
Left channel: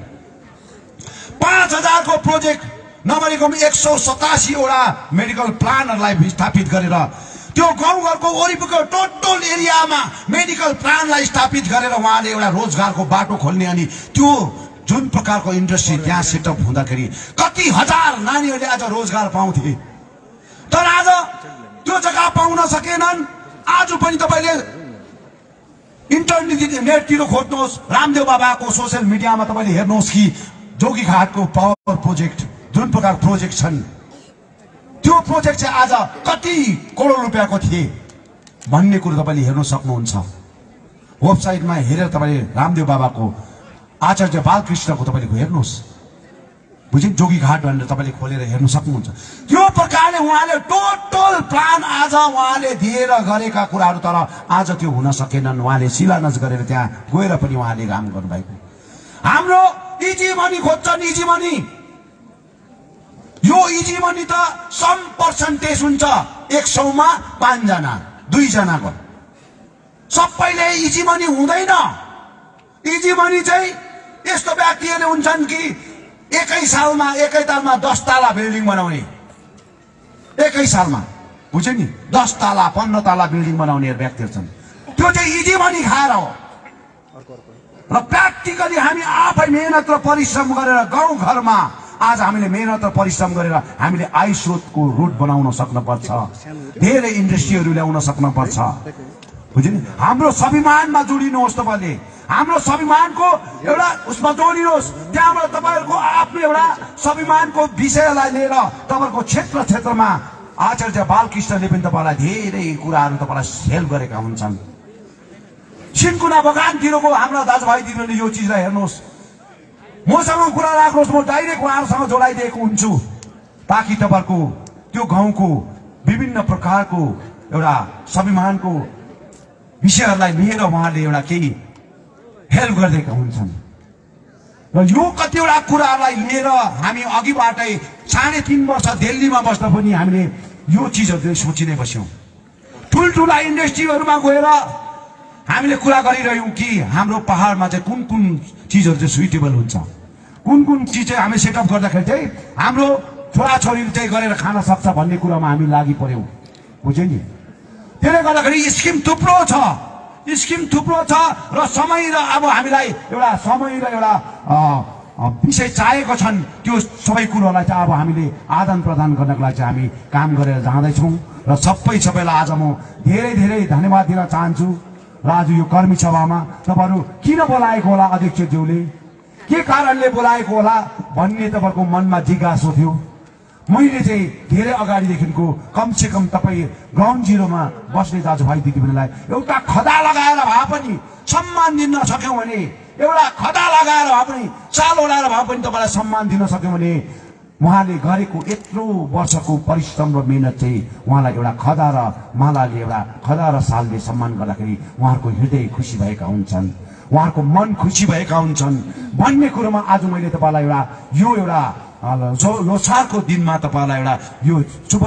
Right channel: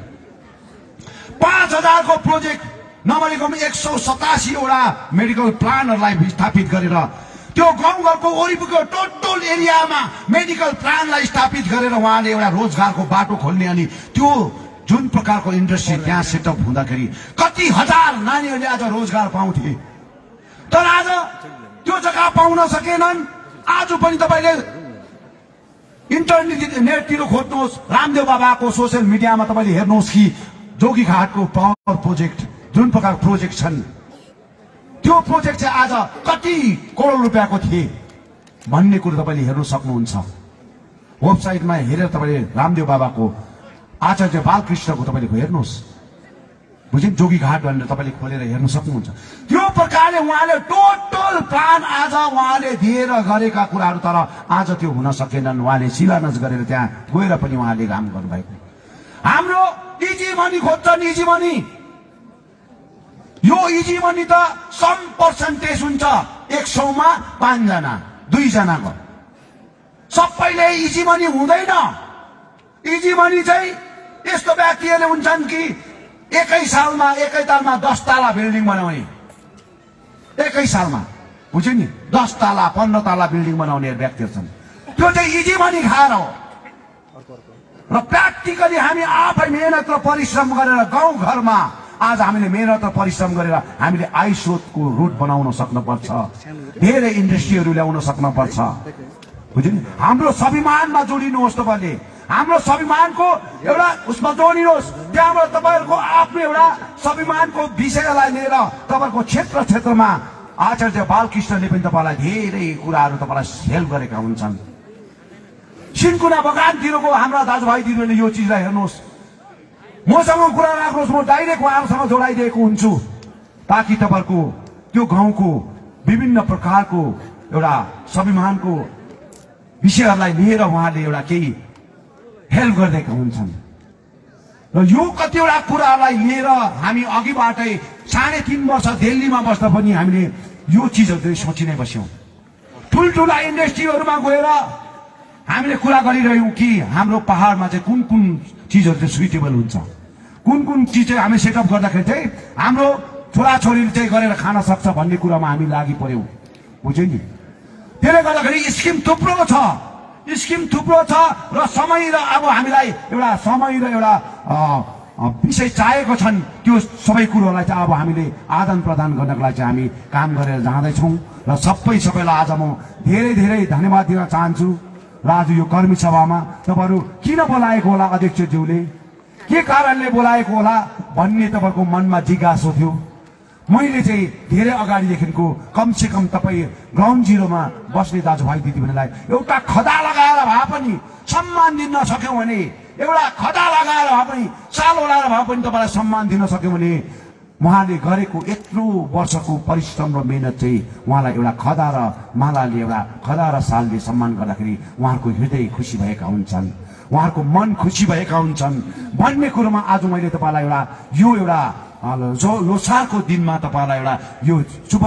5,000 को प्रोजेक्ट नभनेको 187 वटा मेडिकल प्लानहरूलाई स्थापित गरेर त्यो गाउँघरको वरिपरिको टोटल एरियामा मेडिकल प्लानलाई स्थापित गरेर उहाँले एउटा रोजगारको बाटो खोल्ने अनि त्यो जुन प्रकारको इन्डस्ट्री त्यहाँ सेटअप हुँदाखेरि कति हजार नानीहरूले आज रोजगार पाउँथे। तर आज त्यो जग्गा पाउन सकेनन्। आज पनि तपाईले नेटतिर खोज्नुहोस्, रामदेव बाबाको सोशल मिडियामा तपाईले हेर्नुहोस् कि जोगीघाटको पावर प्रोजेक्ट जुन प्रकार प्रोजेक्ट छन्, त्यो प्रोजेक्ट चाहिँ आज कति करोड रुपियाँको थिए भन्ने कुरो तपाईले हेर्न सक्नुहुन्छ। वेबसाइटमा हेरेर तपाईले रामदेव बाबाको आचार्य बालकृष्णको तपाईले हेर्नुहोस्, बुझ्नु, जोगीघाट भनेर तपाईले खोलेर हेर्न सक्नुहुन्छ। त्यो प्रकारले उहाँले टोटल प्लान आज उहाँले दिएर गरेका कुराहरू, तर आज त्यो हुन सकेनन्। उहाँले शिलान्यास गरेर त्यहाँ गएर पनि उहाँले काम गर्नुभएको। हाम्रो इजी मनी खोज्छन्, इजी मनी। यो इजी मनी त सम पर्सेन्टेज हुन्छ। 100 मा 5 जना 2 जनाको सबैले इजी मनी हुँदैन। इजी मनी चाहिँ यस्तो व्यक्तिहरूले हुन्छन् कि एकै सालमा 10 तला बिल्डिङ बनाउने, एकै सालमा, बुझ्यो नि, 10 तला 15 तला बिल्डिङ बनाउने व्यक्तिहरू छन्। त्यो चाहिँ इजी मनी खाएर हो। र प्र्याक्टिकली हामी आफै मेहनत र परिश्रम गरेर गाउँ घरमा आज हामीले मेहनत र परिश्रम गरेर हामीले आयस्रोतको रुट बनाउन सक्नुपर्छ, धेरै इन्डस्ट्रीहरू ल्याउन सक्नुपर्छ। बुझ्नु? हाम्रो स्वाभिमानमा जोडिनुहोस्, तपाईँले हाम्रो स्वाभिमानको एउटा उसमा जोडिनुहोस्। त्यहाँबाट तपाईँहरूको आफ्नो एउटा स्वाभिमानको विषयलाई लिएर तपाईँको क्षेत्र क्षेत्रमा आचार्य बालकृष्णले पनि तपाईँलाई धेरै कुराहरू तपाईँलाई हेल्प गरेका हुन्छन्। सिन्कुना बगानतिरको हाम्रा दाजुभाइ दिदीहरूले यो चिजलाई हेर्नुहोस्, मसँग कुरा राख्नुहोस्, म डाइरेक्ट उहाँहरूसँग जोडाइदिएको हुन्छु ताकि तपाईँहरूको त्यो गाउँको विभिन्न प्रकारको एउटा स्वाभिमानको विषयहरूलाई लिएर उहाँले एउटा केही हेल्प गरिदिएका हुन्छन्। र यो कतिवटा कुराहरूलाई लिएर हामी अघिबाटै 3.5 वर्ष दिल्लीमा बस्दा पनि हामीले यो चिजहरू सोचि नै बस्यौं। ठुल्ठुला इन्डस्ट्रीहरूमा गएर हामीले कुरा गरिरह्यौं कि हाम्रो पहाडमा चाहिँ कुन कुन चिजहरू चाहिँ सुइटेबल हुन्छ, कुन कुन चिज चाहिँ हामी सेटअप गर्दाखेरि चाहिँ हाम्रो छोराछोरीले चाहिँ गरेर खान सक्छ भन्ने कुरामा हामी लागि पर्यौं। बुझ्यो नि? त्यसले गर्दाखेरि स्किम थुप्रो छ र समय र अब हामीलाई एउटा समय र एउटा विषय चाहिएको छन्। त्यो सबै कुरोलाई चाहिँ अब हामीले आदान प्रदान गर्नको लागि चाहिँ हामी काम गरेर जाँदैछौँ। र सबैलाई आज म धेरै धेरै धन्यवाद दिन चाहन्छु। र आज यो कर्मी सभामा तपाईँहरू किन बोलाएको होला, अध्यक्षज्यूले के कारणले बोलाएको होला भन्ने तपाईँहरूको मनमा जिज्ञासा थियो। मैले चाहिँ धेरै अगाडिदेखिको कमसेकम तपाईँ ग्राउन्ड जिरोमा बस्ने दाजुभाइ दिदीबहिनीलाई एउटा खदा लगाएर भए पनि सम्मान दिन सक्यौँ भने, एउटा खदा लगाएर भए पनि, चाल ओढाएर भए पनि तपाईँलाई सम्मान दिन सक्यौँ भने उहाँले गरेको यत्रो वर्षको परिश्रम र मेहनत चाहिँ उहाँलाई एउटा खदा र मालाले, एउटा खदा र सालले सम्मान गर्दाखेरि उहाँहरूको हृदय खुसी भएका हुन्छन्, उहाँहरूको मन खुसी भएका हुन्छन् भन्ने कुरोमा आज मैले तपाईँलाई एउटा यो एउटा लोसारको दिनमा तपाईँलाई एउटा यो शुभ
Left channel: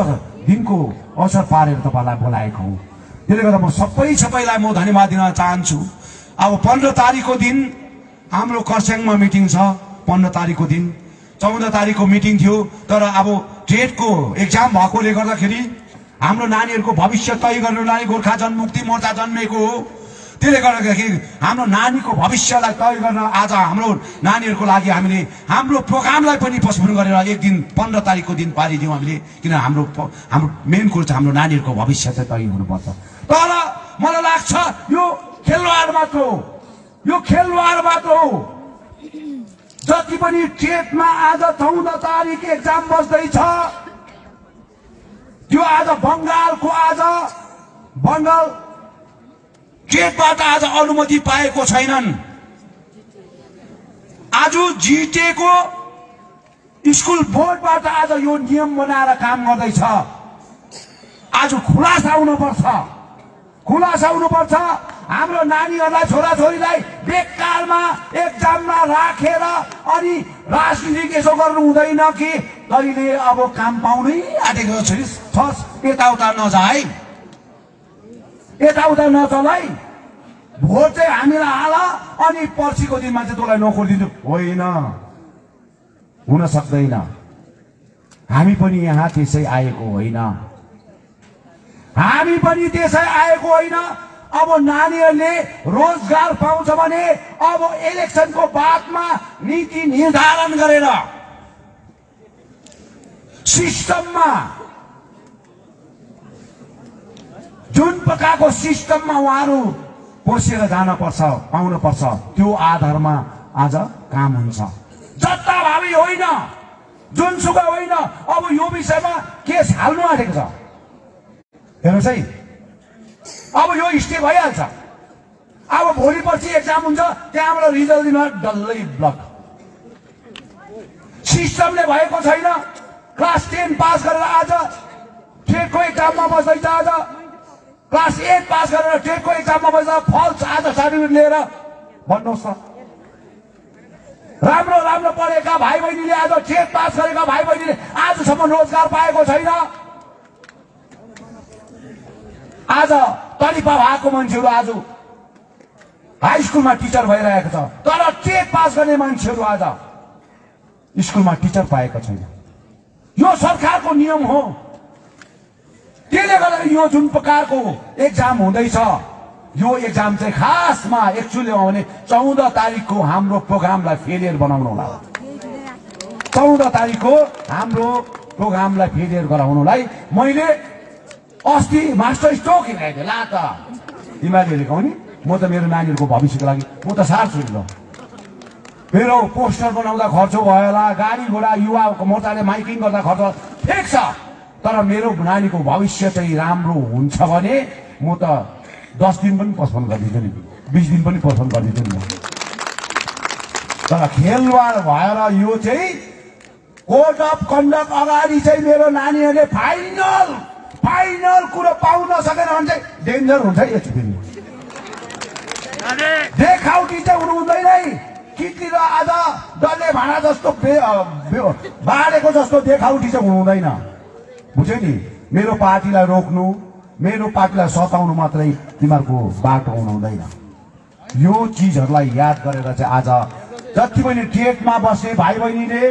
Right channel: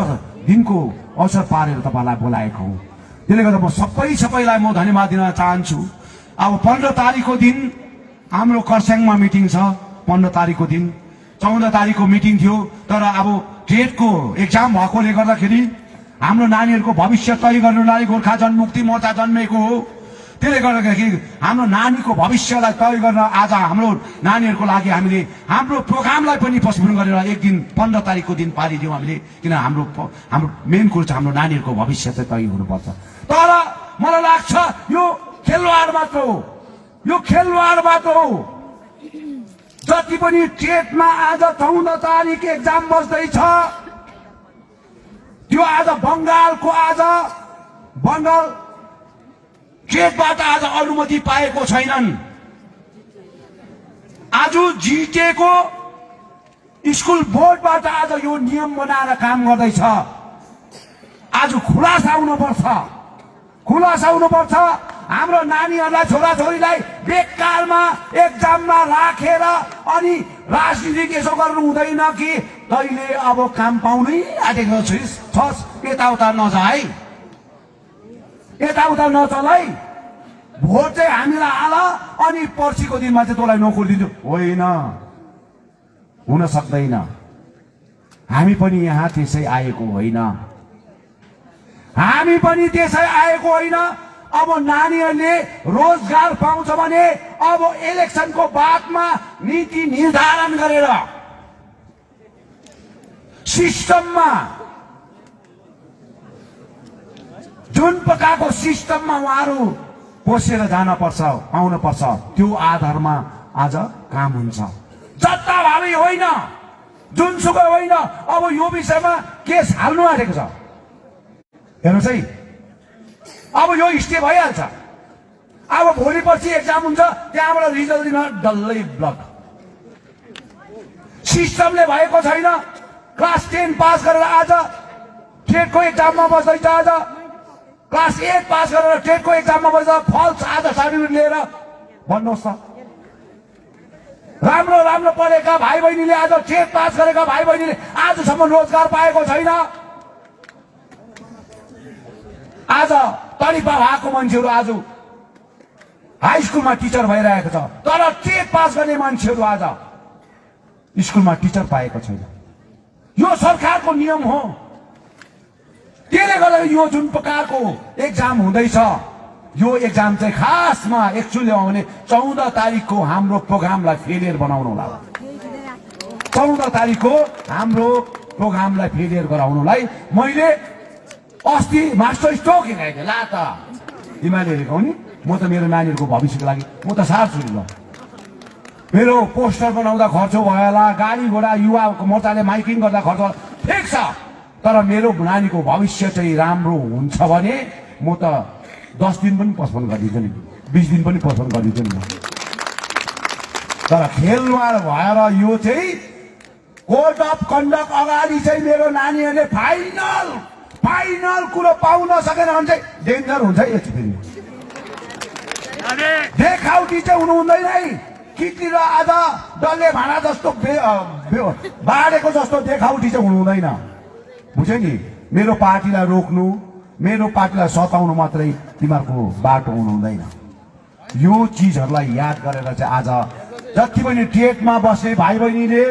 दिनको अवसर पारेर तपाईँलाई बोलाएको हो। त्यसले गर्दा म सबैलाई म धन्यवाद दिन चाहन्छु। अब 15 तारिकको दिन हाम्रो खरसाङमा मिटिङ छ। 15 तारिकको दिन 14 तारिकको मिटिङ थियो, तर अब टेटको एक्जाम भएकोले गर्दाखेरि हाम्रो नानीहरूको भविष्य तय गर्नु लागि गोर्खा जनमुक्ति मोर्चा जन्मेको हो। त्यसले गर्दाखेरि हाम्रो नानीको भविष्यलाई तय गर्न आज हाम्रो नानीहरूको लागि हामीले हाम्रो प्रोग्रामलाई पनि पोस्टपोन गरेर एक दिन 15 तारिकको दिन पारिदियौँ हामीले, किन हाम्रो मेन कुरो चाहिँ हाम्रो नानीहरूको भविष्य चाहिँ तय हुनुपर्छ। तर मलाई लाग्छ यो खेलवाड मात्र हो, यो खेलवाड मात्र हो। जति पनि टेटमा आज 14 तारिक एक्जाम बस्दैछ, त्यो आज बंगालको बंगाल टेटबाट आज अनुमति पाएको छैनन्। आज जिटेको स्कुल बोर्डबाट आज यो नियम बनाएर काम गर्दैछ। आज खुलासा हुनुपर्छ। हाम्रो नानीहरूलाई, छोराछोरीलाई बेकारमा एक्जाममा राखेर अनि राजनीति यसो गर्नु हुँदैन कि कहिले अब काम पाउनै आँटेको छस्, यताउता नचल है। भोट चाहिँ हामीलाई हाल अनि पर्सिको दिनमा चाहिँ तँलाई नोकरी दिन्छु, होइन, हुन सक्दैन। हामी पनि यहाँ त्यसै आएको होइन। अब नानीहरूले रोजगार पाउँछ भने अब इलेक्सनको बादमा नीति निर्धारण गरेर सिस्टममा, जुन प्रकारको सिस्टममा उहाँहरू पसेर जानुपर्छ, पाउनुपर्छ, त्यो आधारमा आज काम हुन्छ। जताभावी होइन, जुनसुकै होइन। अब यो विषयमा केस हाल्नु आँटेको छ। हेर्नुहोस् है, अब यो स्टे भइहाल्छ। अब भोलि पछि एक्जाम हुन्छ, त्यहाँबाट रिजल्ट दिन डल्लै ब्लक। सिस्टमले भएको छैन। क्लास 10 पास गरेर आज टेटको एक्जाममा बस्दैछ, आज क्लास 8 पास गरेर टेटको एक्जाममा बस्दा फल्स आज सर्टिफिकेट लिएर भन्नुहोस् त। राम्रो पढेका भाइ बहिनीले, आज टेट पास गरेका भाइ बहिनीले आजसम्म रोजगार पाएको छैन। आज तरिपा भएको मान्छेहरू आज हाई स्कुलमा टिचर भइरहेको छ, तर टेट पास गर्ने मान्छेहरू आज स्कुलमा टिचर पाएको छैन। यो सरकारको नियम हो। त्यसले गर्दा यो जुन प्रकारको एक्जाम हुँदैछ, यो एक्जाम चाहिँ खासमा एक्चुअली हो भने 14 तारिकको हाम्रो प्रोग्रामलाई फेलियर बनाउनुलाई 14 तारिकको हाम्रो प्रोग्रामलाई फेलियर गराउनुलाई मैले अस्ति मास्टर स्ट्रोक हिँडाएको ला त तिमीहरूले नि म त मेरो नानीहरूको भविष्यको लागि म त सार्छु नि ल मेरो पोस्टर बनाउँदा खर्च भयो होला गाडी घोडा युवा मोर्चाले माइकिङ गर्दा खर्च ठिक छ तर मेरो नानीको भविष्य चाहिँ राम्रो हुन्छ भने म त 10 दिन पनि पोस्टपोन गरिदिन्छु नि 20 दिन पनि पोस्टपोन गरिदिन्छु नि तर खेलवाड भएर यो चाहिँ कोड अफ कन्डक्ट अगाडि चाहिँ मेरो नानीहरूले फाइनल कुरो पाउन सकेन भने चाहिँ डेन्जर हुन्छ है यसरी देखाउटी चाहिँ हुनु हुँदैन है किटी र आज डल्ले भाँडा जस्तो बाँडेको जस्तो देखाउटी चाहिँ हुनु हुँदैन बुझ्यो नि मेरो पार्टीलाई रोक्नु मेरो पार्टीलाई सताउनु मात्रै तिमीहरूको बाटो हुनु हुँदैन यो चिजहरूलाई याद गरेर चाहिँ आज जति पनि टेटमा बस्ने भाइ बहिनीले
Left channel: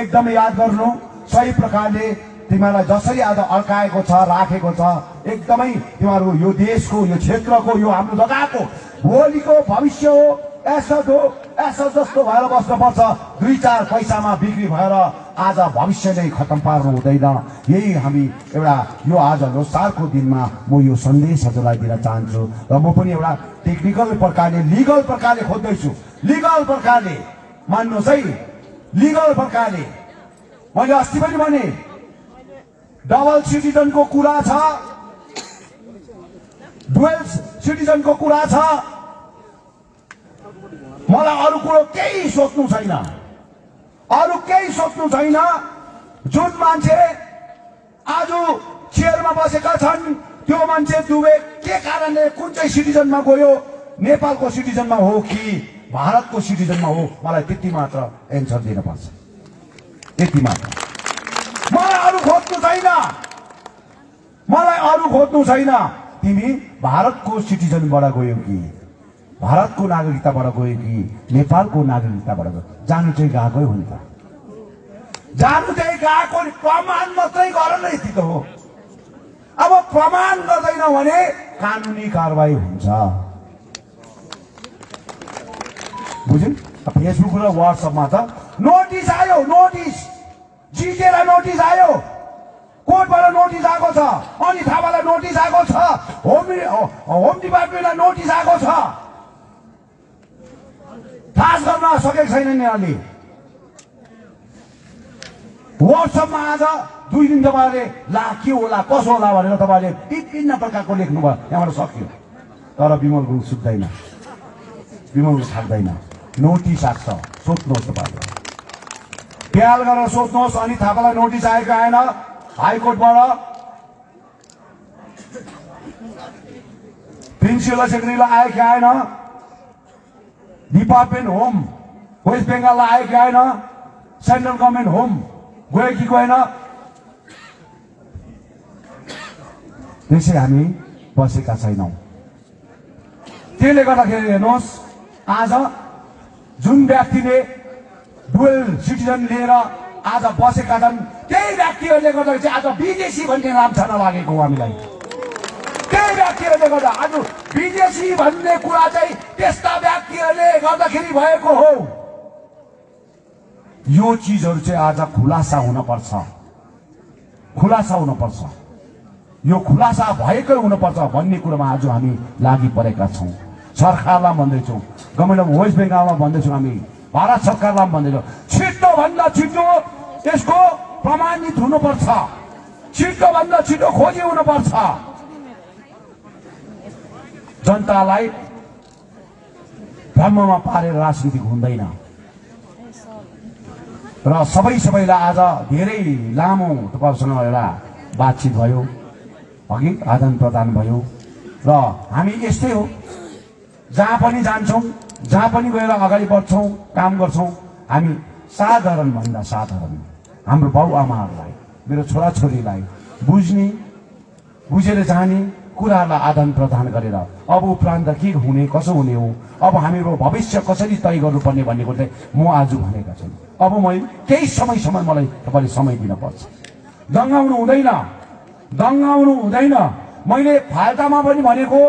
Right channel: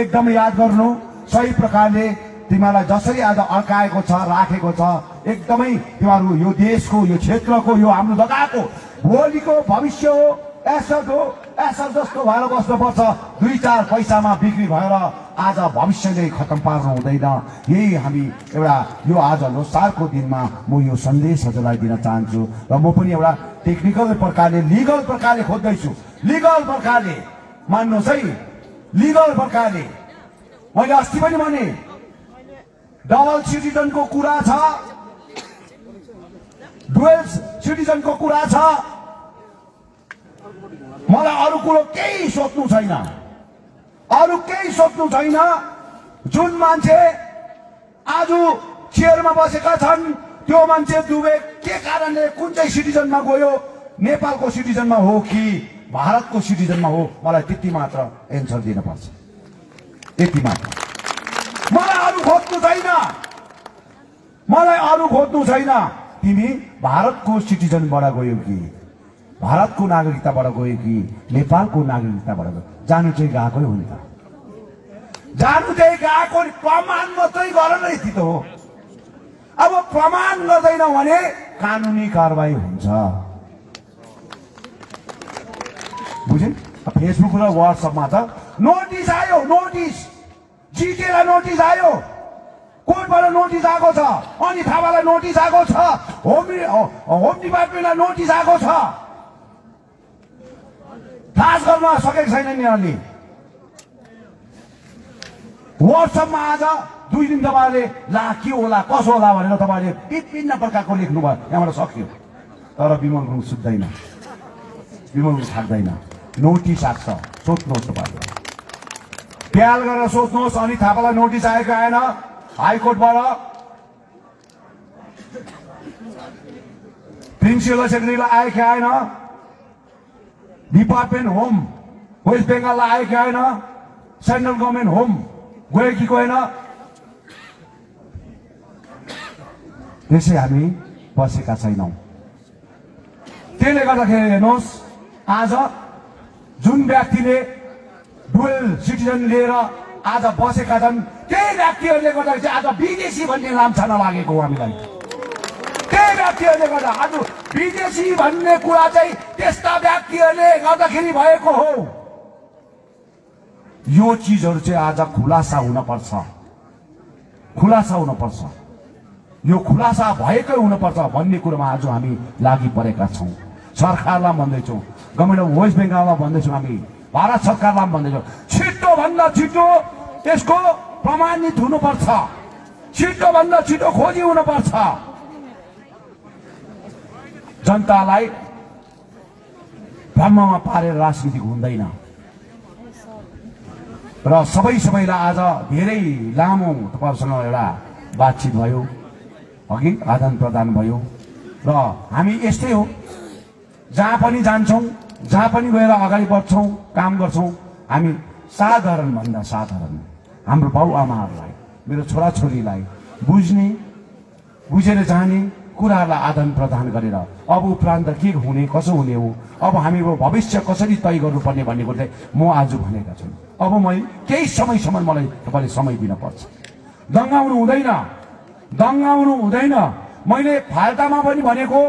एकदमै याद गर्नु सही प्रकारले तिमीहरूलाई जसरी आज अड्काएको छ राखेको छ एकदमै तिमीहरू यो देशको यो क्षेत्रको यो हाम्रो जग्गाको भोलिको भविष्य हो एसो जस्तो भएर बस्नुपर्छ 2-4 पैसामा बिक्री भएर आज भविष्य नै खतम पार्नु हुँदैन यही हामी एउटा यो आज लोसारको दिनमा म यो सन्देश हजुरलाई दिन चाहन्छु र म पनि एउटा टेक्निकल प्रकारले लिगल प्रकारले खोज्दैछु लिगल प्रकारले मान्नुहोस् है लिगल प्रकारले मैले अस्ति पनि भने डबल सिटिजनको कुरा छ डुअल सिटिजनको कुरा छ मलाई अरू कुरो केही सोच्नु छैन जुन मान्छे आज चेयरमा बसेका छन् त्यो मान्छे दुवै के कारणले कुन चाहिँ सिटिजनमा गयो नेपालको सिटिजनमा हो कि भारतको सिटिजनमा हो मलाई त्यति मात्र एन्सर दिनुपर्छ त्यति मात्र मलाई अरू खोज्नु छैन तिमी भारतको सिटिजनबाट गयो कि भारतको नागरिकताबाट गयो कि नेपालको नागरिकताबाट गयो जानु चाहिँ गएकै हो नि त जानु चाहिँ गएको प्रमाण मात्रै गर न यति त हो अब प्रमाण गर्दैन भने कानुनी कारबाही हुन्छ बुझ्यौ फेसबुक र व्हाट्सएपमा त नोटिस आयो नोटिस जिकेलाई नोटिस आयो कोर्टबाट नोटिस आएको छ अनि थापालाई नोटिस आएको छ होम डिपार्टमेन्टलाई नोटिस आएको छ थाहा गर्न सकेको छैन यहाँले व्हाट्सएपमा आज 2 दिन तपाईँले ला के होला कसो होला भनेर तपाईँले विभिन्न प्रकारको लेख्नुभयो यहाँबाट सक्यो तर विमल गुरुङ सुत्दैन विमल गुरुङ थाक्दैन नोटिस आएको छ सोध्नुहोस् तपाईँले ख्याल गरेर सोध्नुहोस् अनि थापालाई नोटिस आएको आएन हाइकोर्टबाट प्रिन्सिपल सेक्रेटरीलाई आयो कि आएन डिपार्टमेन्ट होम वेस्ट बेङ्गाललाई आयो कि आएन सेन्ट्रल गभर्मेन्ट होम गयो कि गएन त्यसै हामी बसेका छैनौँ त्यसले गर्दाखेरि हेर्नुहोस् आज जुन व्यक्तिले डुअल सिटिजन लिएर आज बसेका छन् त्यही व्यक्तिहरूले गर्दा चाहिँ आज विदेशी भन्ने नाम छर्न लागेको हो हामीलाई त्यही व्यक्तिहरूले गर्दा आज विदेशी भन्ने कुरा चाहिँ त्यस्ता व्यक्तिहरूले गर्दाखेरि भएको हो यो चिजहरू चाहिँ आज खुलासा हुनुपर्छ यो खुलासा भएकै हुनुपर्छ भन्ने कुरोमा आज हामी लागि परेका छौँ सरकारलाई भन्दैछौँ गभर्मेन्ट अफ वेस्ट बेङ्गालमा भन्दैछौँ हामी भारत सरकारलाई भन्दैछौँ छिटो भन्दा छिटो यसको प्रमाणित हुनुपर्छ छिटो भन्दा छिटो खोजी हुनुपर्छ जनतालाई भ्रममा पारेर राजनीति हुँदैन र सबैलाई आज धेरै लामो तपाईसँग एउटा बातचित भयो अघि आदान प्रदान भयो र हामी यस्तै हो जहाँ पनि जान्छौँ जहाँ पनि गएर अगाडि बढ्छौँ काम गर्छौँ हामी साधारण भन्दा साधारण हाम्रो बाउ आमाहरूलाई मेरो छोराछोरीलाई बुझेर जाने कुराहरूलाई आदान प्रदान गरेर अब उपरान्त के हुने कसो हुने हो अब हामीको भविष्य कसरी तय गर्नुपर्ने भन्ने कुरा म आज भनेका छु अब मैले केही समय मलाई तपाईँले समय दिन पर्छ दङ्गाउनु हुँदैन मैले फाल्टामा पनि भनेको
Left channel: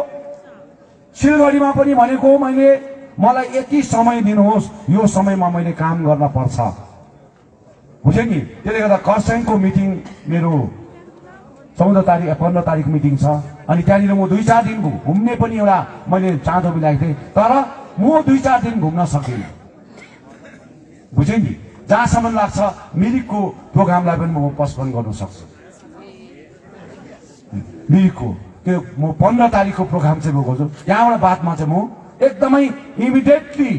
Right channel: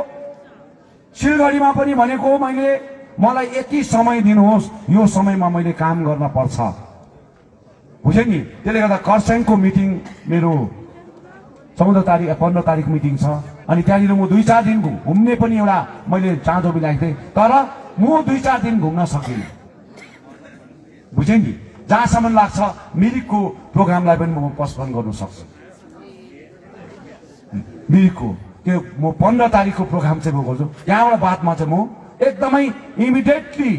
सिलगढीमा पनि भनेको मैले मलाई यति समय दिनुहोस्, यो समयमा मैले काम गर्न पर्छ, बुझे नि। त्यसले गर्दा खरसाङको मिटिङ मेरो 14 तारिक 15 तारिक मिटिङ छ। अनि त्यहाँनिर म 2-4 दिन घुम्ने पनि एउटा मैले चाँजो मिलाएको थिएँ, तर म 2-4 दिन घुम्न सकिनँ, बुझे नि। जहाँसम्म लाग्छ मिरिकको प्रोग्रामलाई पनि म पोस्टपोन गर्न सक्छु। मिरिकको त्यो म 15 तारिकको प्रोग्राम चाहिँ बोल्छु। यहाँबाट बादमा चाहिँ म एकदमै इमिडिएटली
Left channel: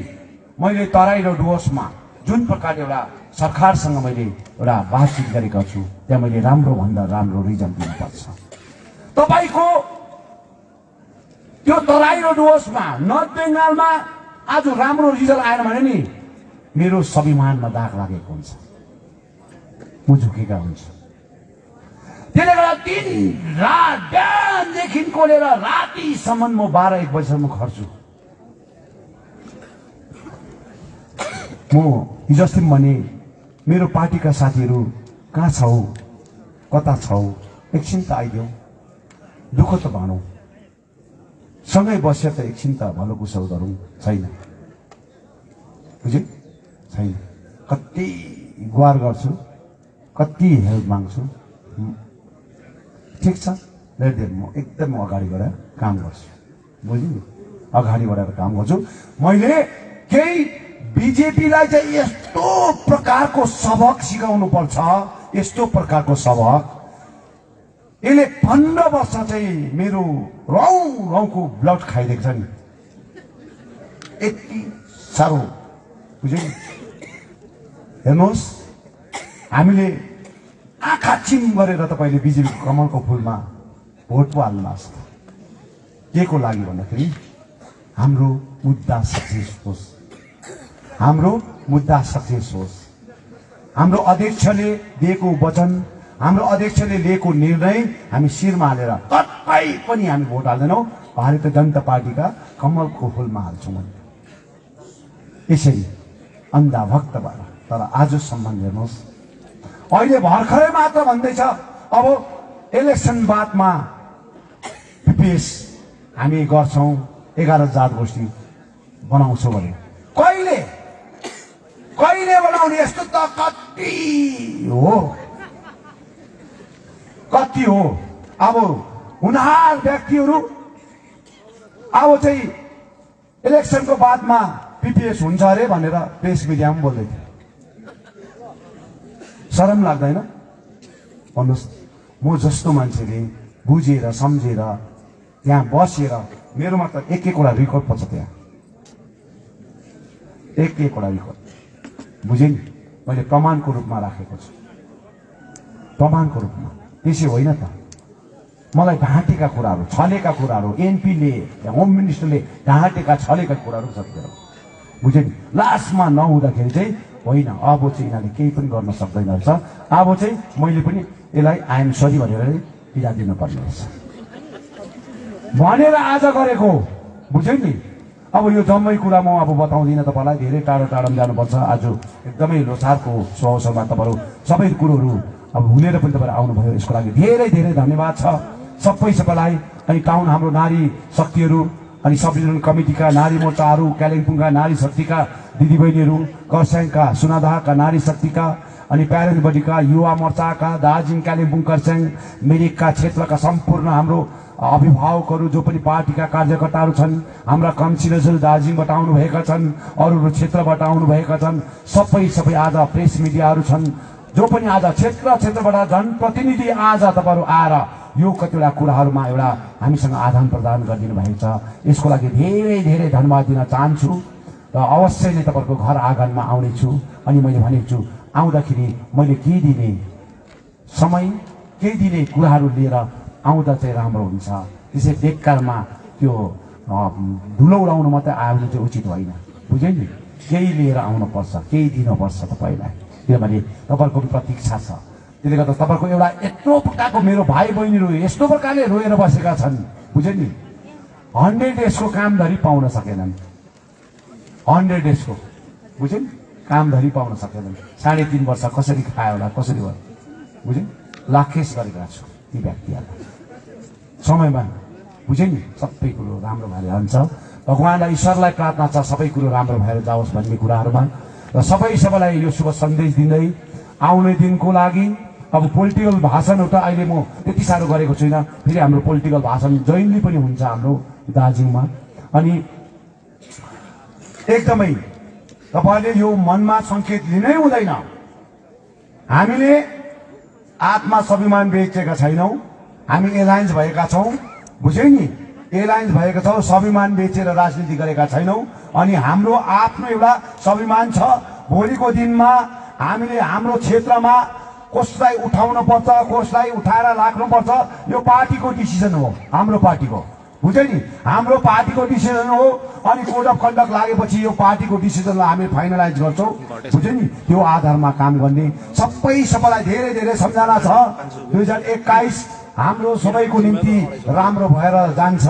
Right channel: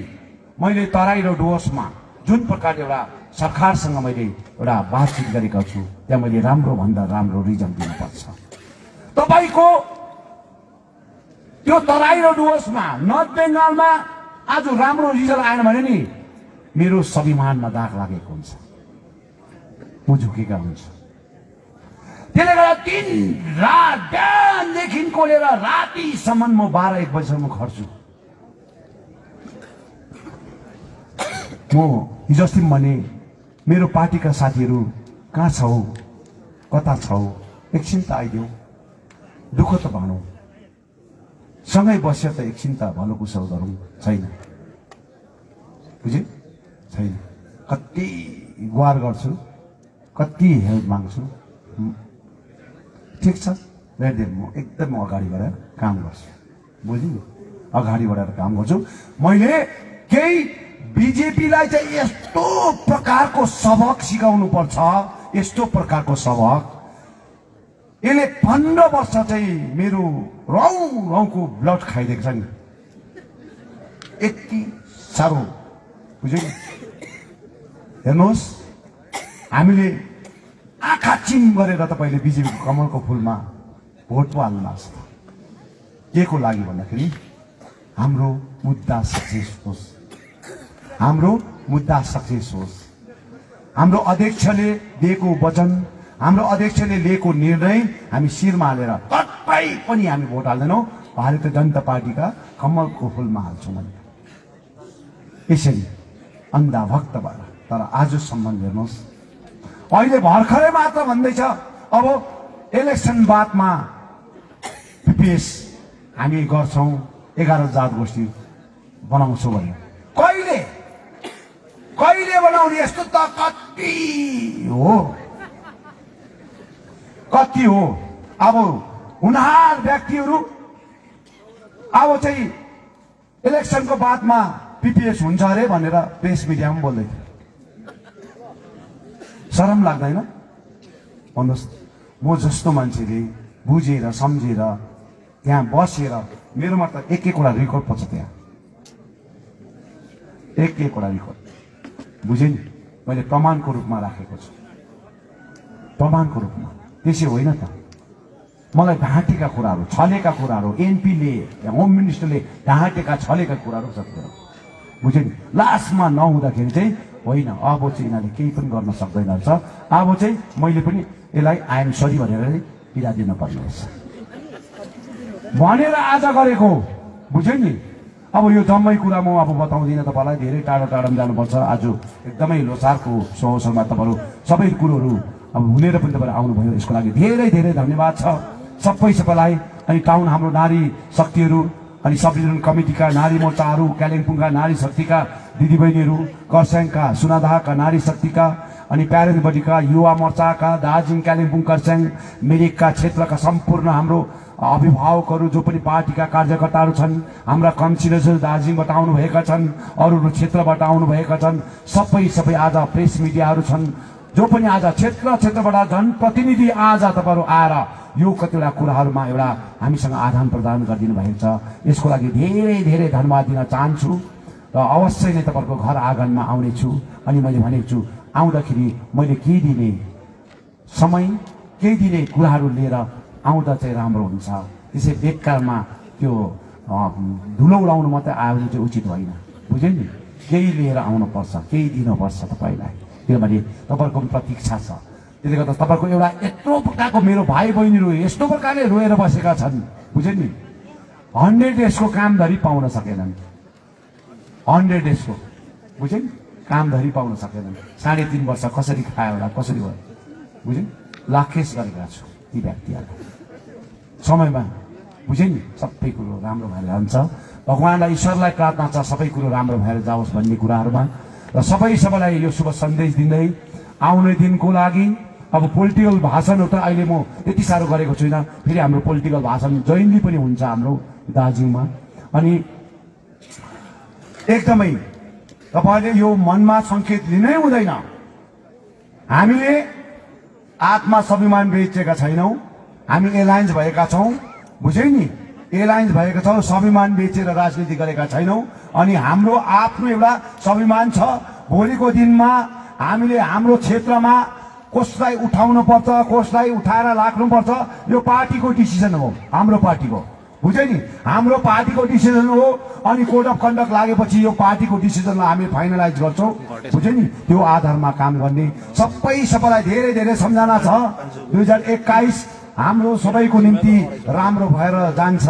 मैले तराई र डुवर्समा जुन प्रकारले एउटा सरकारसँग मैले एउटा बातचित गरेका छु, त्यहाँ मैले राम्रो भन्दा राम्रो रिजल्ट दिनुपर्छ। तपाईको त्यो तराई र डुवर्समा नर्थ बेङ्गालमा आज राम्रो रिजल्ट आएन भने नि मेरो स्वाभिमानमा दाग लागेको हुन्छ, म झुकेका हुन्छ। त्यसले गर्दा दिन रात बिहानदेखिको लिएर रातिसम्म म 12-1 बजीसम्म खट्छु। म हिजो अस्ति भने मेरो पार्टीका साथीहरू कहाँ छौ, कता छौ, एकछिन त आइदेऊ, दुःख त भनौँ, सँगै बस्यो त एकछिन त भलो कुशल गरौँ। छैन, बुझ्यो, छैन। कति गुहार गर्छु, कति हेल्प माग्छु, ठिक छ, म एकदम अगाडि बढेर काम गर्छु, बुझ्यो, अगाडि बढेर काम गर्छु। मैले केही बीजेपीलाई चाहिँ यस्तो प्रकारको सबक सिकाउनु पर्छ, यस्तो प्रकारको सबक। यसले 15 वर्ष चाहिँ मेरो रौको ब्लड खाइदिएको छ नि, यति साह्रो, बुझ्यो नि। हेर्नुहोस्, हामीले आँखा चिम गरेर तपाईले बीजेपीको कमलको फुलमा भोट पो हाल्नु भएको छ। के को लागि भन्दाखेरि हाम्रो मुद्दा सक्सेस होस्, हाम्रो मुद्दा सक्सेस होस्। हाम्रो अध्यक्षले दिएको वचन, हाम्रो अध्यक्षले लिएको निर्णय हामी शिरमा हालेर कतै पनि हामी भोट हाल्दैनौँ, भारतीय जनता पार्टीका कमलको फुलमा हाल्छौँ। यसरी अन्धा भक्त भएर। तर आजसम्म हेर्नुहोस्, अहिले भर्खरै मात्र भन्दैछ अब इलेक्सन बादमा पिपिएस हामी गर्छौँ, 11 जात गोष्ठी बनाउँछौँ भने कहिले बनाउने? यस्तो त कति हो। अब हुनहार व्यक्तिहरू अब चाहिँ इलेक्सनको बादमा पिपिएस हुन्छ अरे भनेर प्रेस मिडियामा बोल्दै थियो। शरम लाग्दैन? भन्नुहोस्, म जस्तो मान्छेले बुझेर सम्झेर त्यहाँ बसेर, मेरोमा त एक-एकवटा रेकर्ड पर्छ, त्यहाँ एक-एकवटा रेकर्ड, बुझेँ नि, मैले प्रमाणको रूपमा राखेको छु, प्रमाणको रूपमा। त्यसै होइन त, मलाई ढाँटेका कुराहरू, छलेका कुराहरू, एनपीले, होम मिनिस्टरले ढाँटेका छलेका कुराहरू सब कुरा, बुझेँ नि। लास्टमा नहुँदाखेरि चाहिँ होइन, अब चाहिँ यिनीहरूले केही पनि गर्न सक्दैन रहेछ, अब चाहिँ मैले पनि यसलाई आइएम सरी भनेर पिरा दिन पर्ने रहेछ भनेर आज गरेको, बुझ्यो नि। अब यो जम्मै कुरा म अब बताउँदिनँ तपाईँलाई, धेरै टाढो टाढोमा जानुपर्छ। आज एकदमै लोसारको अवसरमा तपाईँहरू सबै कुरोहरू अब हुनेर पनि तपाईँहरू आउनुभयो, यसको लागि धेरै धेरै धन्यवाद छ सबैलाई। अनि टाउन हाम्रो नारी शक्तिहरू, अनि संविधान कमिटीका नारी मोर्चाहरू, कालिम्पोङका नारी शक्तिका दिदीबहिनीहरू, खरसाङका सुनादहका नारी शक्तिका, अनि प्यारेन्ट बडीका युवा मोर्चाका, दार्जिलिङ कालिम्पोङ खरसाङ मिरिकका क्षेत्रका सम्पूर्ण हाम्रो अभिभावकहरू, जो पनि पार्टीका कार्यकर्ताहरू छन्, हाम्रा काउन्सिलर्सहरू दार्जिलिङबाट आउनुभएका छन्, अरू क्षेत्रबाट आउनुभएका छन्, सबै आज प्रेस मिडियाहरू छन्, जो पनि आज क्षेत्रबाट जनप्रतिनिधि आज तपाईँहरू आएर यो कतिवटा कुराहरूमा एउटा हामीसँग आदान प्रदान गरिदिनु भएको छ। यसको लागि धेरै धेरै धन्यवाद दिन चाहन्छु र अवश्य नै तपाईँको घर आँगनमा आउनेछु। अनि मैले भनेको छु, आउँदाखेरि मैले केही दिने समय, केही दिने कुराहरू लिएर आउँदा चाहिँ राम्रो हुन्छ। त्यसै बेकारमा त्यो धुलो उडाउनु मात्रै आउनु चाहिँ उचित होइन, बुझ्यो नि। केही लिएर आउनुपर्छ, केही दिनुपर्छ तपाईँलाई, किनभने तपाईँहरूको पनि प्रतीक्षा छ। त्यसले गर्दा तपाईँको एउटा यत्रो प्रकारको मेरो भाइ बहिनीहरू यस्तो प्रकारले रोएर बसेका छन्, बुझ्यो नि। 100 डेजको कामधरी पाउन सकेनन्, 100 डेजको, बुझ्यो नि, कामधरी पाउन सकेनन्। 3.5 वर्ष कसरी खायो होला, कसरी भयो, बुझ्यो। लाखेस गरेका छु यी व्यक्तिहरू समयमा बुझे नि, सबै कुरो राम्रो भएर जान्छ। भगवानलाई ईश्वरलाई प्रार्थना छ सबै कुरो राम्रो भएर जाओस् भन्ने कुराहरूमा, र सबैलाई यो शुभ सन्देश दिँदै आउने दिनको लागि अब पोलिटिकल भाषण एउटा अहिले म त्यति साह्रो गरेको छुइनँ, फेरि हाम्रो पोलिटिकल भाषण जैनली पनि हुन्छ हाम्रो दार्जिलिङमा। अनि एकदमै तपाईले यो मनमा संकेत लिनै हुँदैन। हामीले आत्मा स्वाभिमान बेचेका छैनौं, हामी एलायन्स भएका छौं, बुझे नि, एलायन्स भएका छौं, स्वाभिमान बेचेर राजनीति गरेका छैनौं। अनि हाम्रो आफ्नो एउटा स्वाभिमान छ। भोलिको दिनमा हामीले हाम्रो क्षेत्रमा कसलाई उठाउनु पर्छ, कसलाई उठाएर राख्नुपर्छ, यो पार्टीको डिसिजन हो, हाम्रो पार्टीको, बुझे नि, हाम्रो पार्टीको डिसिजन हो। अनि कोड अफ कन्डक्ट लागेपछि यो पार्टीको डिसिजनलाई हामी फाइनलाइज गर्छौं, बुझे नि, त्यो आधारमा काम गर्ने सबैलाई धेरै धेरै सम्झना छ। 2021 हाम्रो सबैको निम्ति राम्रो भएर जान्छ।